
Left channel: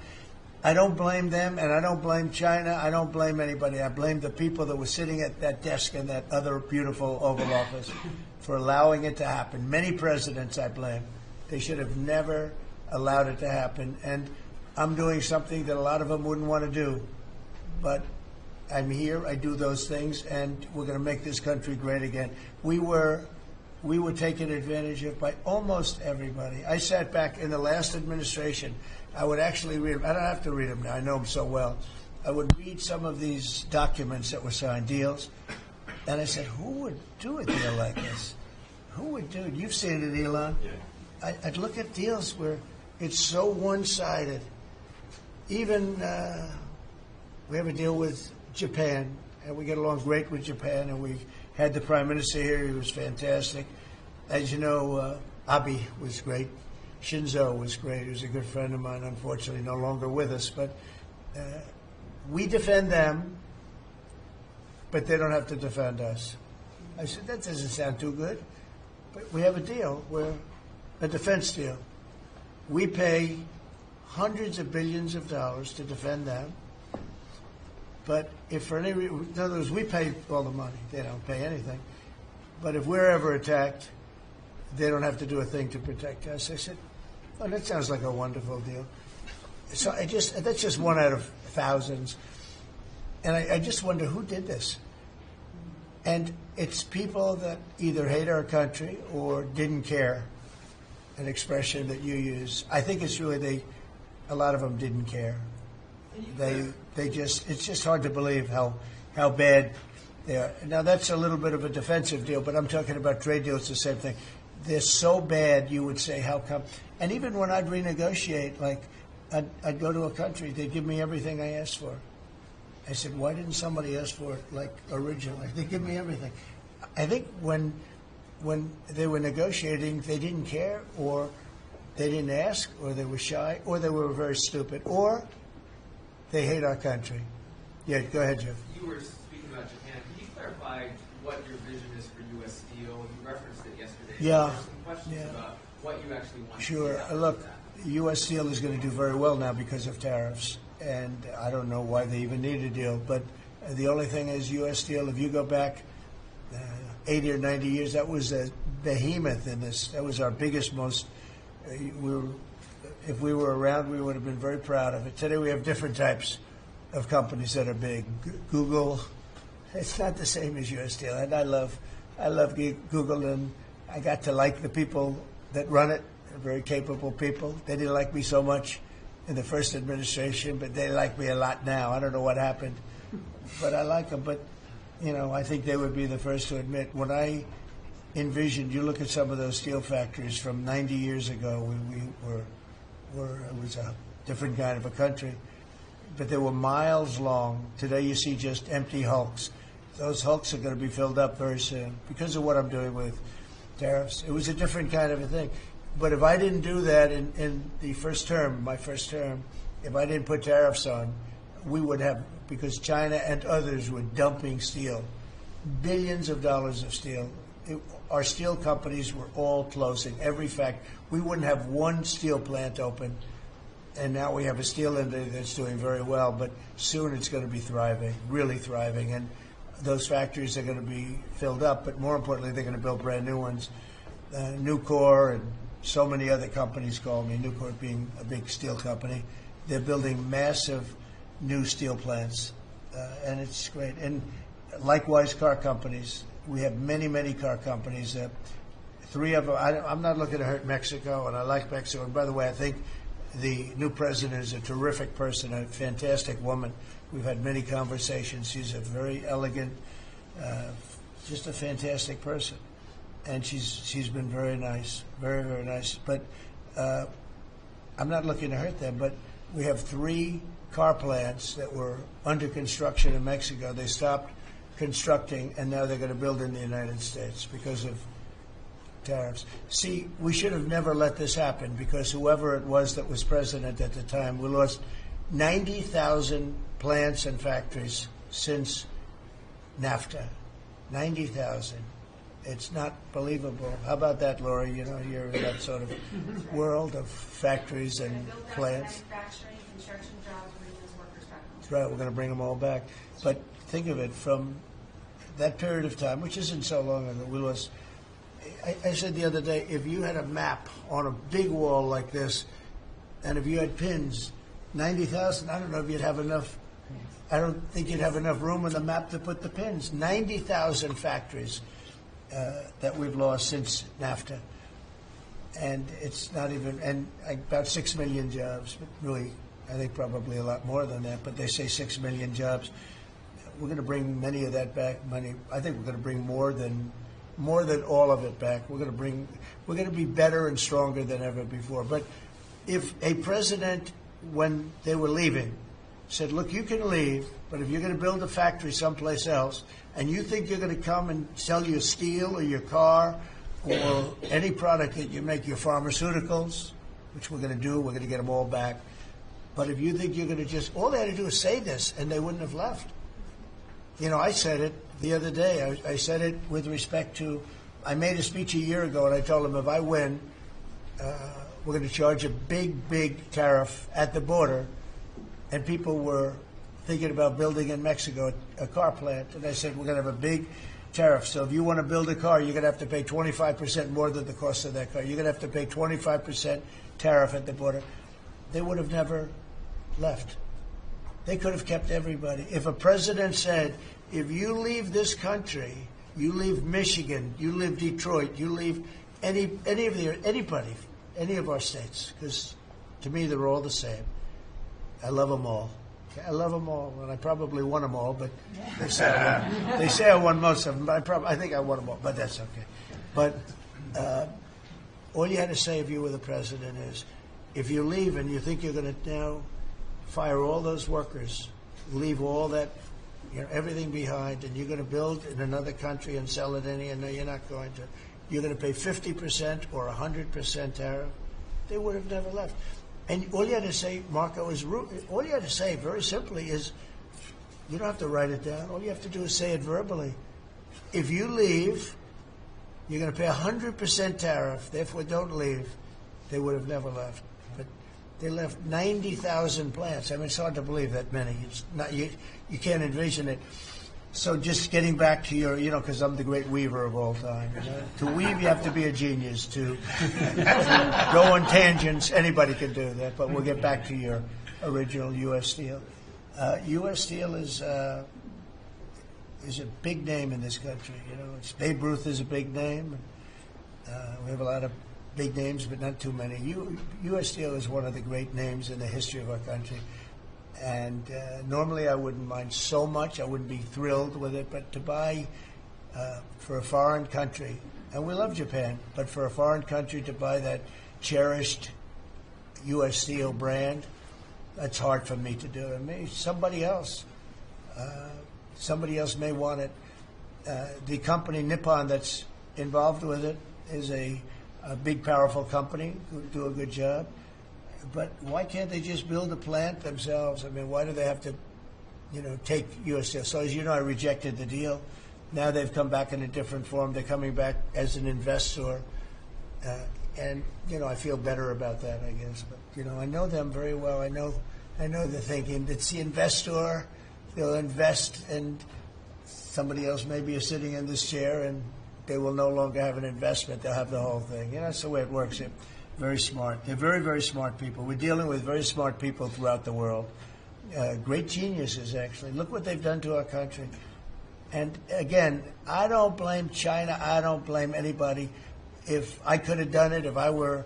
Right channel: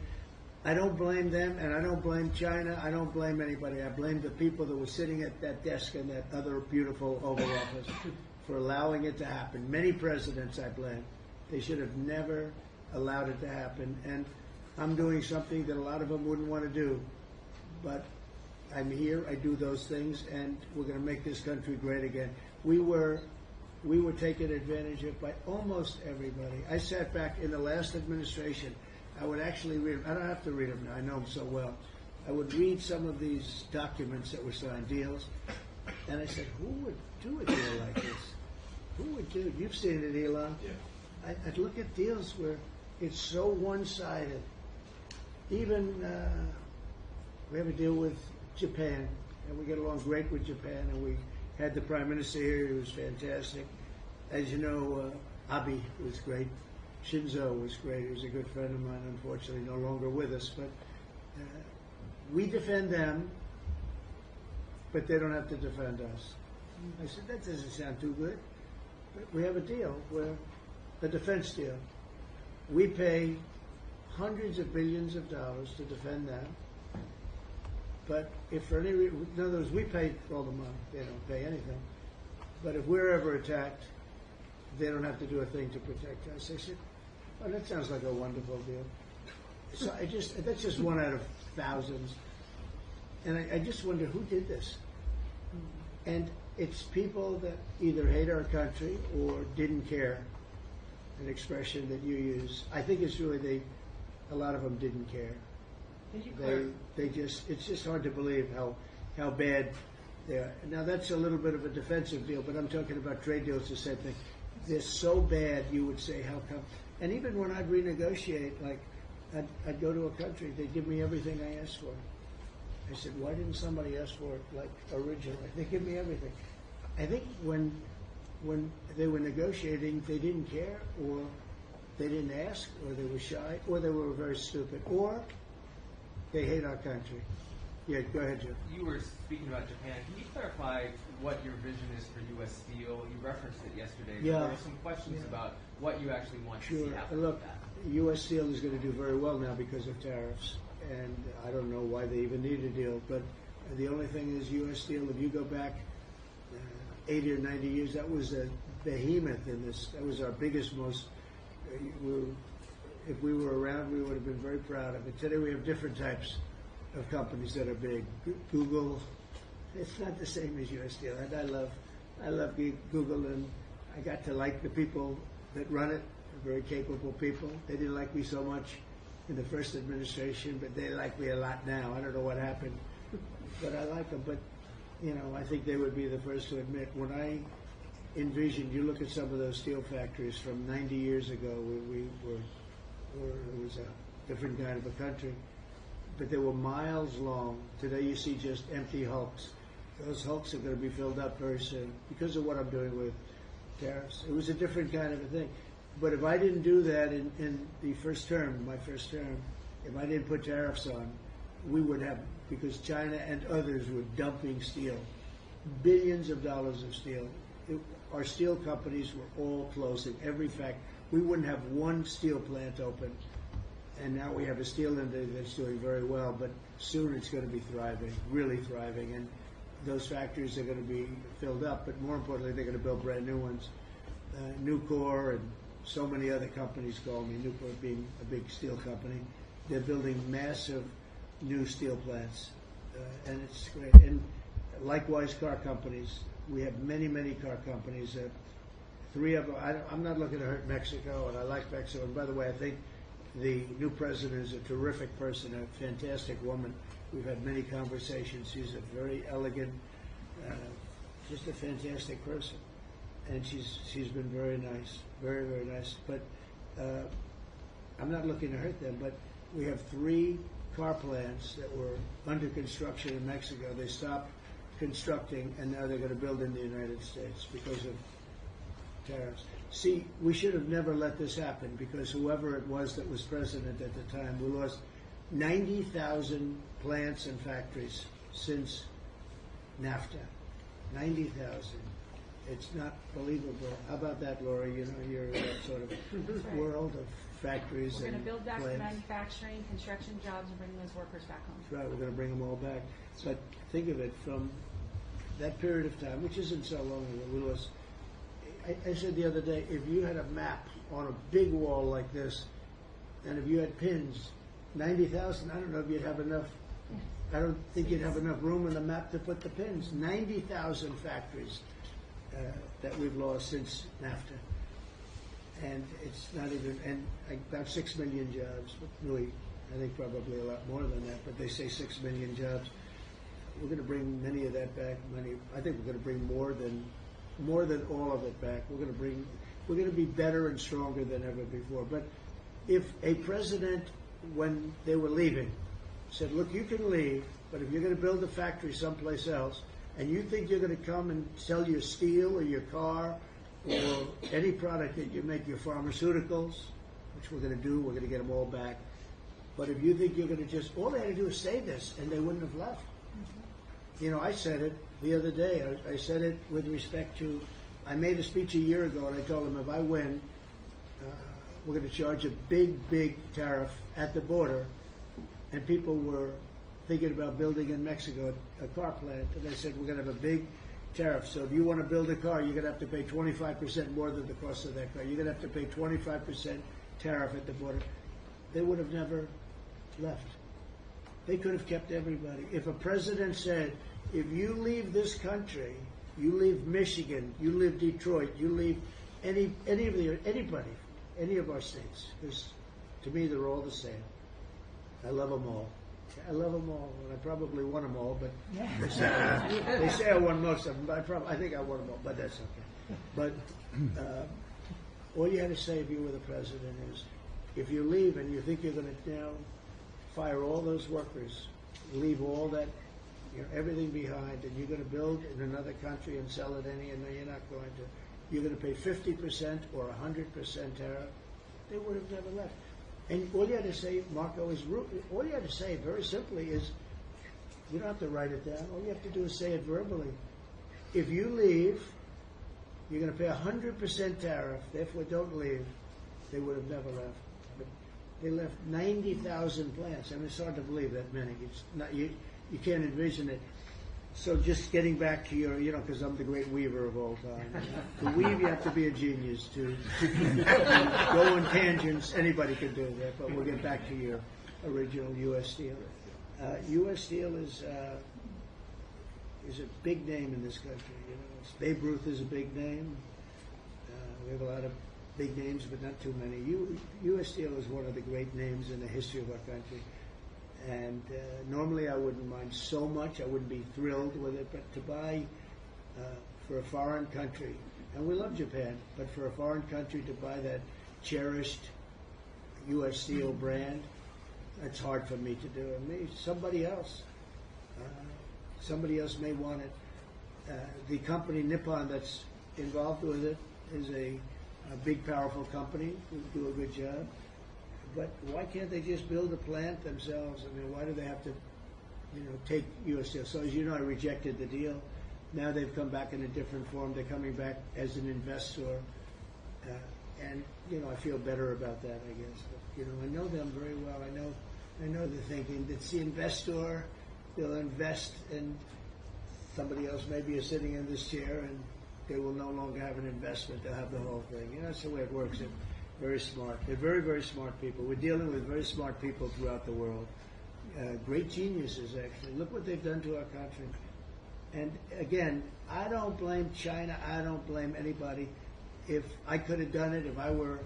I don't blame them, and I don't blame China. I don't blame anybody. I blame the people that were sitting at that desk in that other beautiful Oval Office for allowing it to happen. Many presidents I blame. They should have never allowed it to happen. And I'm doing something that a lot of them wouldn't want to do. But I'm here, I do those things, and we're going to make this country great again. We were taken advantage of by almost everybody. I sat back in the last administration. I would actually read them. I don't have to read them now. I know them so well. I would read some of these documents that were signed, deals, and I said, who would do a deal like this? Who would do it? You've seen it, Elon. Yeah. I'd look at deals where it's so one-sided. Even we have a deal with Japan, and we get along great with Japan, and we had the Prime Minister here. He was fantastic. As you know, Abe was great. Shinzo was great. He was a good friend of mine, unfortunately no longer with us. But we defend them, but they don't have to defend us. I said, that doesn't sound too good. But we have a deal, a defense deal. We pay hundreds of billions of dollars to defend them. But if for any reason, in other words, we pay all the money. They don't pay anything. But if we're ever attacked, they don't have to do a thing to protect us. I said, oh, that sounds like a wonderful deal. So that's just one out of thousands. And I just wonder who did this. And it's people that either hate our country or didn't care, an expression that you use. I think it's really a lot of them didn't care. It's just hard to believe how bad they are. Now, that's a little bit of a defensive deal, but I'm talking about trade deals, the same thing. They're so bad, you would say, how come? And even when I'd renegotiate, like, I'd go to a country, they'd give me everything I asked for. I said, why didn't somebody ask for it, like, originally? They give me everything. I think when they were negotiating, they didn't care, or they didn't ask, or they were shy, or they were very stupid, or they hate our country. Yeah, go ahead, Jeff. You were speaking about Japan. Can you clarify what your vision is for U.S. Steel? You referenced it yesterday. Yeah. There are some questions about what you actually want to see Sure. out of Look, that. U.S. Steel is going to do very well now because of tariffs, and I don't know why they even need a deal, but the only thing is U.S. Steel, if you go back 80 or 90 years, that was a behemoth in this. That was our biggest, most, if we were around, we would have been very proud of it. Today we have different types of companies that are big. Google, it's not the same as U.S. Steel, and I love Google, and I got to like the people that run it. They're very capable people. They didn't like me so much in the first administration, but they like me a lot now. I don't know what happened, but I like them. But I think they would be the first to admit, when I envisioned, you look at some of those steel factories from 90 years ago, it was a different kind of a country, but they were miles long. Today you see just empty hulks. Those hulks are going to be filled up very soon because of what I'm doing with tariffs. It was a different kind of a thing. But if I didn't do that in the first term, my first term, if I didn't put tariffs on, we would have, because China and others were dumping steel, billions of dollars of steel. Our steel companies were all closing. Every fact, we wouldn't have one steel plant open, and now we have a steel industry that's doing very well. But soon it's going to be thriving, really thriving, and those factories are going to be filled up. But more importantly, they're going to build brand new ones. Nucor and so many other companies call me. Nucor being a big steel company, they're building massive new steel plants, and it's great. And likewise, car companies. We have many, many car companies. 3 of them. I'm not looking to hurt Mexico, and I like Mexico. And by the way, I think the new president is a terrific person, a fantastic woman. We've had many conversations. She's a very elegant, just a fantastic person, and she's been very nice, very, very nice. But I'm not looking to hurt them. But we have 3 car plants that were under construction in Mexico. They stopped constructing, and now they're going to build in the United States because of tariffs. See, we should have never let this happen because whoever it was that was president at the time, we lost 90,000 plants and factories since NAFTA. 90,000. It's not believable. How about that, Laura? You know, you're in that sort of world of factories and build back plants. manufacturing, construction jobs, bring those workers back home. That's right. We're going to bring them all back. But think of it from that period of time, which isn't so long ago. We lost. I said the other day, if you had a map on a big wall like this, and if you had pins, 90,000, I don't know if you'd have enough. I don't think you'd have enough room on the map to put the pins. 90,000 factories that we've lost since NAFTA. And it's not even, and about 6 million jobs. Really, I think probably a lot more than that, but they say 6 million jobs. We're going to bring many of that back. I think we're going to bring more than all of it back. We're going to be better and stronger than ever before. But if a president, when they were leaving, said, look, you can leave, but if you're going to build a factory someplace else, and you think you're going to come and sell your steel or your car or any product that you make, your pharmaceuticals, which we're going to do, we're going to get them all back. But if you think you're going to just, all they had to do is say this, and they wouldn't have left. You know, I said it the other day. I said it with respect to, I made a speech a year ago, and I told them if I win, we're going to charge a big, big tariff at the border. And people were thinking about building in Mexico a car plant. And I said, we're going to have a big tariff. So if you want to build a car, you're going to have to pay 25% more than the cost of that car. You're going to have to pay 25% tariff at the border. They would have never left. They could have kept everybody. If a president said, if you leave this country, you leave Michigan, you leave Detroit, you leave anybody, any of our states, because to me they're all the same. I love them all. I love them all, and I probably won them all, but they say I won most of them, but I think I won them all, but that's okay. But all you had to say if you were the president is, if you leave and you think you're going to now fire all those workers, leave all that, everything behind, and you're going to build in another country and sell it any, and no, you're not going to. You're going to pay 50% or 100% tariff. They would have never left. And all you had to say, Marco, all you had to say very simply is, you don't have to write it down. All you have to do is say it verbally. If you leave, you're going to pay 100% tariff. Therefore, don't leave. They would have never left. But they left 90,000 plants. I mean, it's hard to believe that many. It's not, you can't envision it. So just getting back to your, because I'm the great weaver of all time. To weave, you have to be a genius. To go on tangents, anybody can do that. But we'll get back to your original U.S. Steel. U.S. Steel is a big name in this country. Babe Ruth is a big name. We have a lot of big names, but not too many. U.S. Steel is one of the great names in the history of our country. And normally I wouldn't mind so much. I wouldn't be thrilled with it. But to buy for a foreign country, and we love Japan, but for a foreign country to buy that cherished U.S. Steel brand, that's hard for me to do. And maybe somebody else may want it. The company Nippon that's involved with it is a big, powerful company who do a good job. But why can't they just build a plant themselves? I mean, why do they have to, take U.S. Steel? So as you know, I rejected the deal. Now they've come back in a different form. They're coming back as an investor. And, I feel better about that, I guess. But, I know them very well. I know they're thinking it's the investor. They'll invest, and somebody else maybe is sitting in this chair, and they will no longer have an investment. They'll have the whole thing. That's the way it works. They're very smart. They're very, very smart people. We're dealing with very smart people throughout the world. Great geniuses, actually. Look what they've done to our country. And again, I don't blame China. I don't blame anybody. If I could have done it, if I were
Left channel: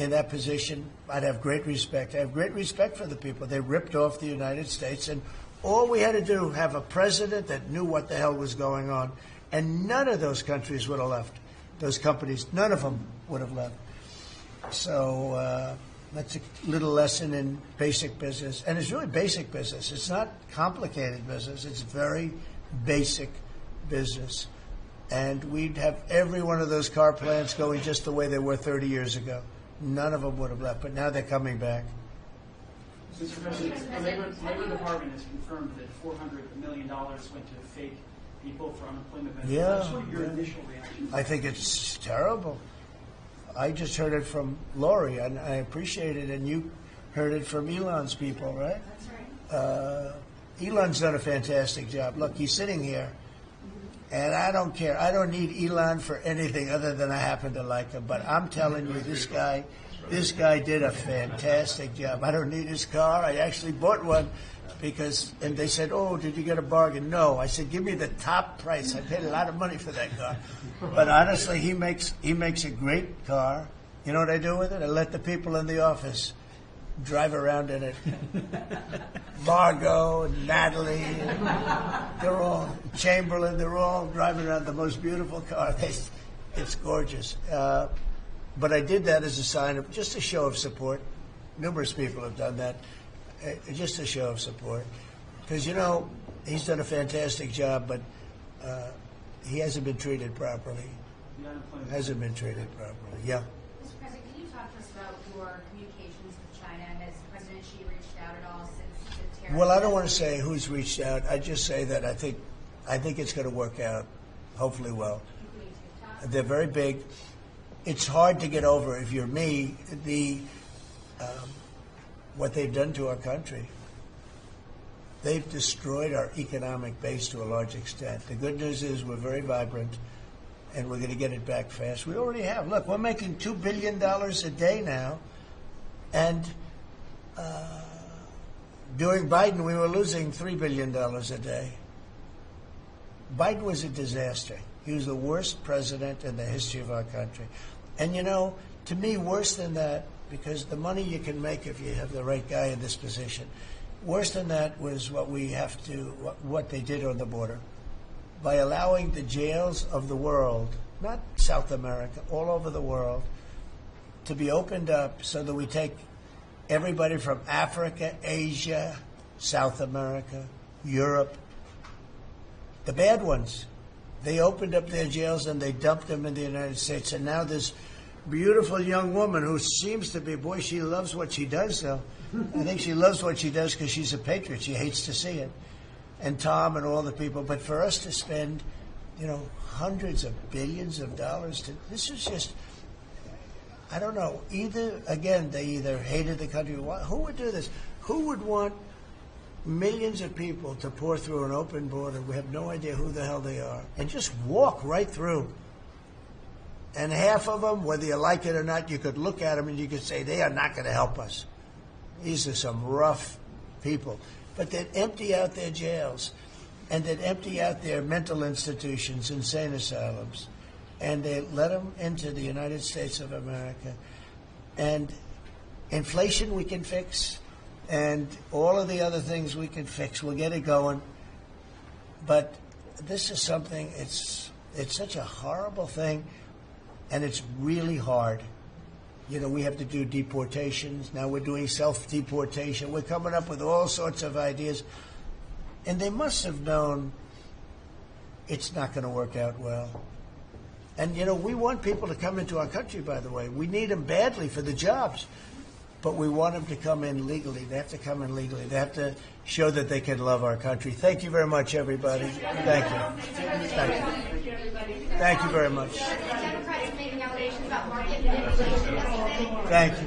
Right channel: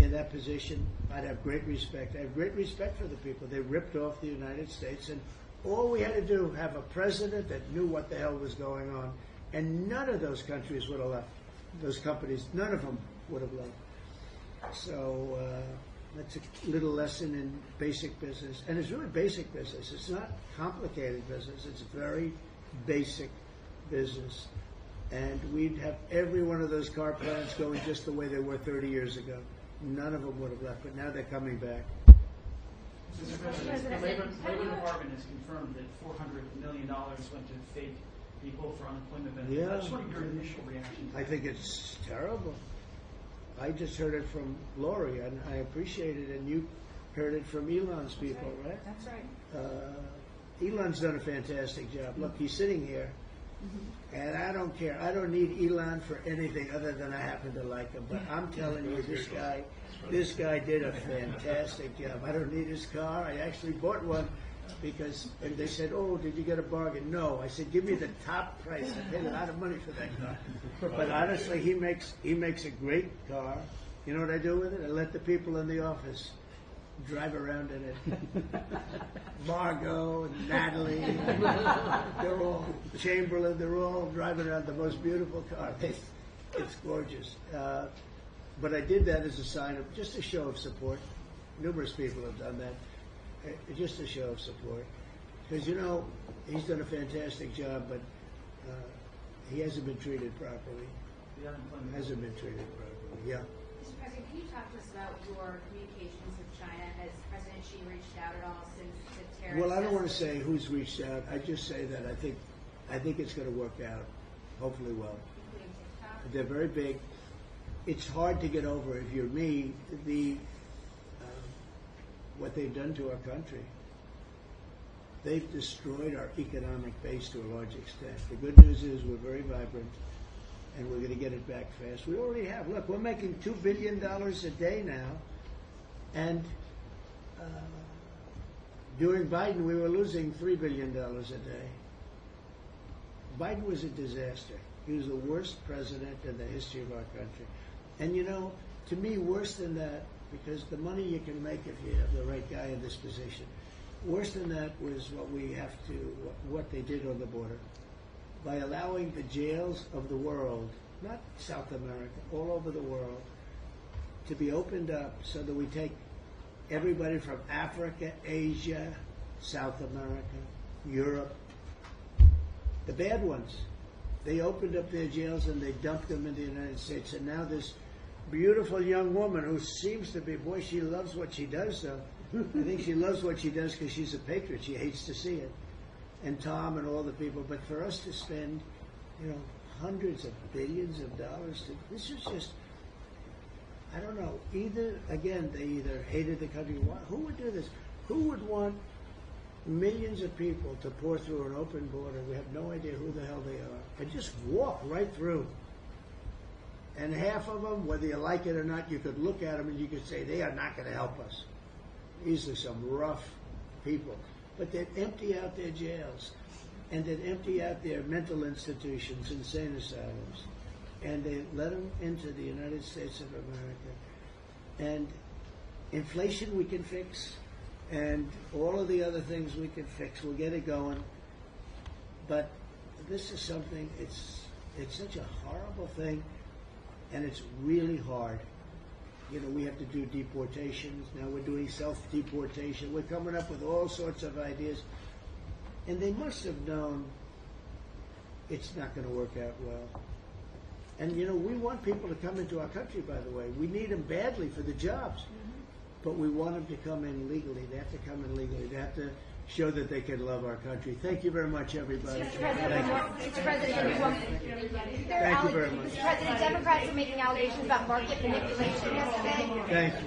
in that position, I'd have great respect. I have great respect for the people. They ripped off the United States, and all we had to do, have a president that knew what the hell was going on, and none of those countries would have left. Those companies, none of them would have left. So that's a little lesson in basic business. And it's really basic business. It's not complicated business. It's very basic business. and we'd have every one of those car plants going just the way they were 30 years ago. None of them would have left, but now they're coming back. Mr. President, the Labor Department has confirmed that $400 million went to fake people for unemployment benefits. Yeah. I just want your initial reaction. I think it's terrible. I just heard it from Lori, and I appreciate it, and you heard it from Elon's people, right? That's right. Elon's done a fantastic job. Look, he's sitting here, and I don't care. I don't need Elon for anything other than I happen to like him. But I'm telling you, this guy did a fantastic job. I don't need his car. I actually bought one because, and they said, "Oh, did you get a bargain?" No, I said, "Give me the top price." I paid a lot of money for that car. But honestly, he makes a great car. You know what I do with it? I let the people in the office drive around in it. Margot, Natalie, they're all, Chamberlain, they're all driving around the most beautiful car. It's gorgeous. But I did that as a sign of, just a show of support. Numerous people have done that. Just a show of support. Because, you know, he's done a fantastic job, but he hasn't been treated properly. Hasn't been treated properly. Yeah. Mr. President, can you talk to us about your communications with China? Has President Xi reached out at all since the tariff? Well, I don't want to say who's reached out. I just say that I think it's going to work out, hopefully well. They're very big. It's hard to get over, if you're me, what they've done to our country. They've destroyed our economic base to a large extent. The good news is we're very vibrant, and we're going to get it back fast. We already have. Look, we're making $2 billion a day now, and during Biden, we were losing $3 billion a day. Biden was a disaster. He was the worst president in the history of our country. And, you know, to me, worse than that, because the money you can make if you have the right guy in this position, worse than that was what they did on the border. By allowing the jails of the world, not South America, all over the world, to be opened up so that we take everybody from Africa, Asia, South America, Europe, the bad ones. They opened up their jails and they dumped them in the United States. And now this beautiful young woman who seems to be, boy, she loves what she does, though. I think she loves what she does because she's a patriot. She hates to see it. And Tom and all the people. But for us to spend, you know, hundreds of billions of dollars, this is just, I don't know. They either hated the country. Who would do this? Who would want millions of people to pour through an open border? We have no idea who the hell they are. And just walk right through. And half of them, whether you like it or not, you could look at them and you could say, they are not going to help us. These are some rough people. But they'd empty out their jails, and they'd empty out their mental institutions, insane asylums, and they let them into the United States of America. And inflation we can fix, and all of the other things we can fix. We'll get it going. But this is something, it's such a horrible thing, and it's really hard. You know, we have to do deportations. Now we're doing self-deportation. We're coming up with all sorts of ideas. And they must have known it's not going to work out well. And, you know, we want people to come into our country, by the way. We need them badly for the jobs. But we want them to come in legally. They have to come in legally. They have to show that they can love our country. Thank you very much, everybody. Thank you. Thank you very much. The Democrats are making allegations about market manipulation yesterday. Thank you.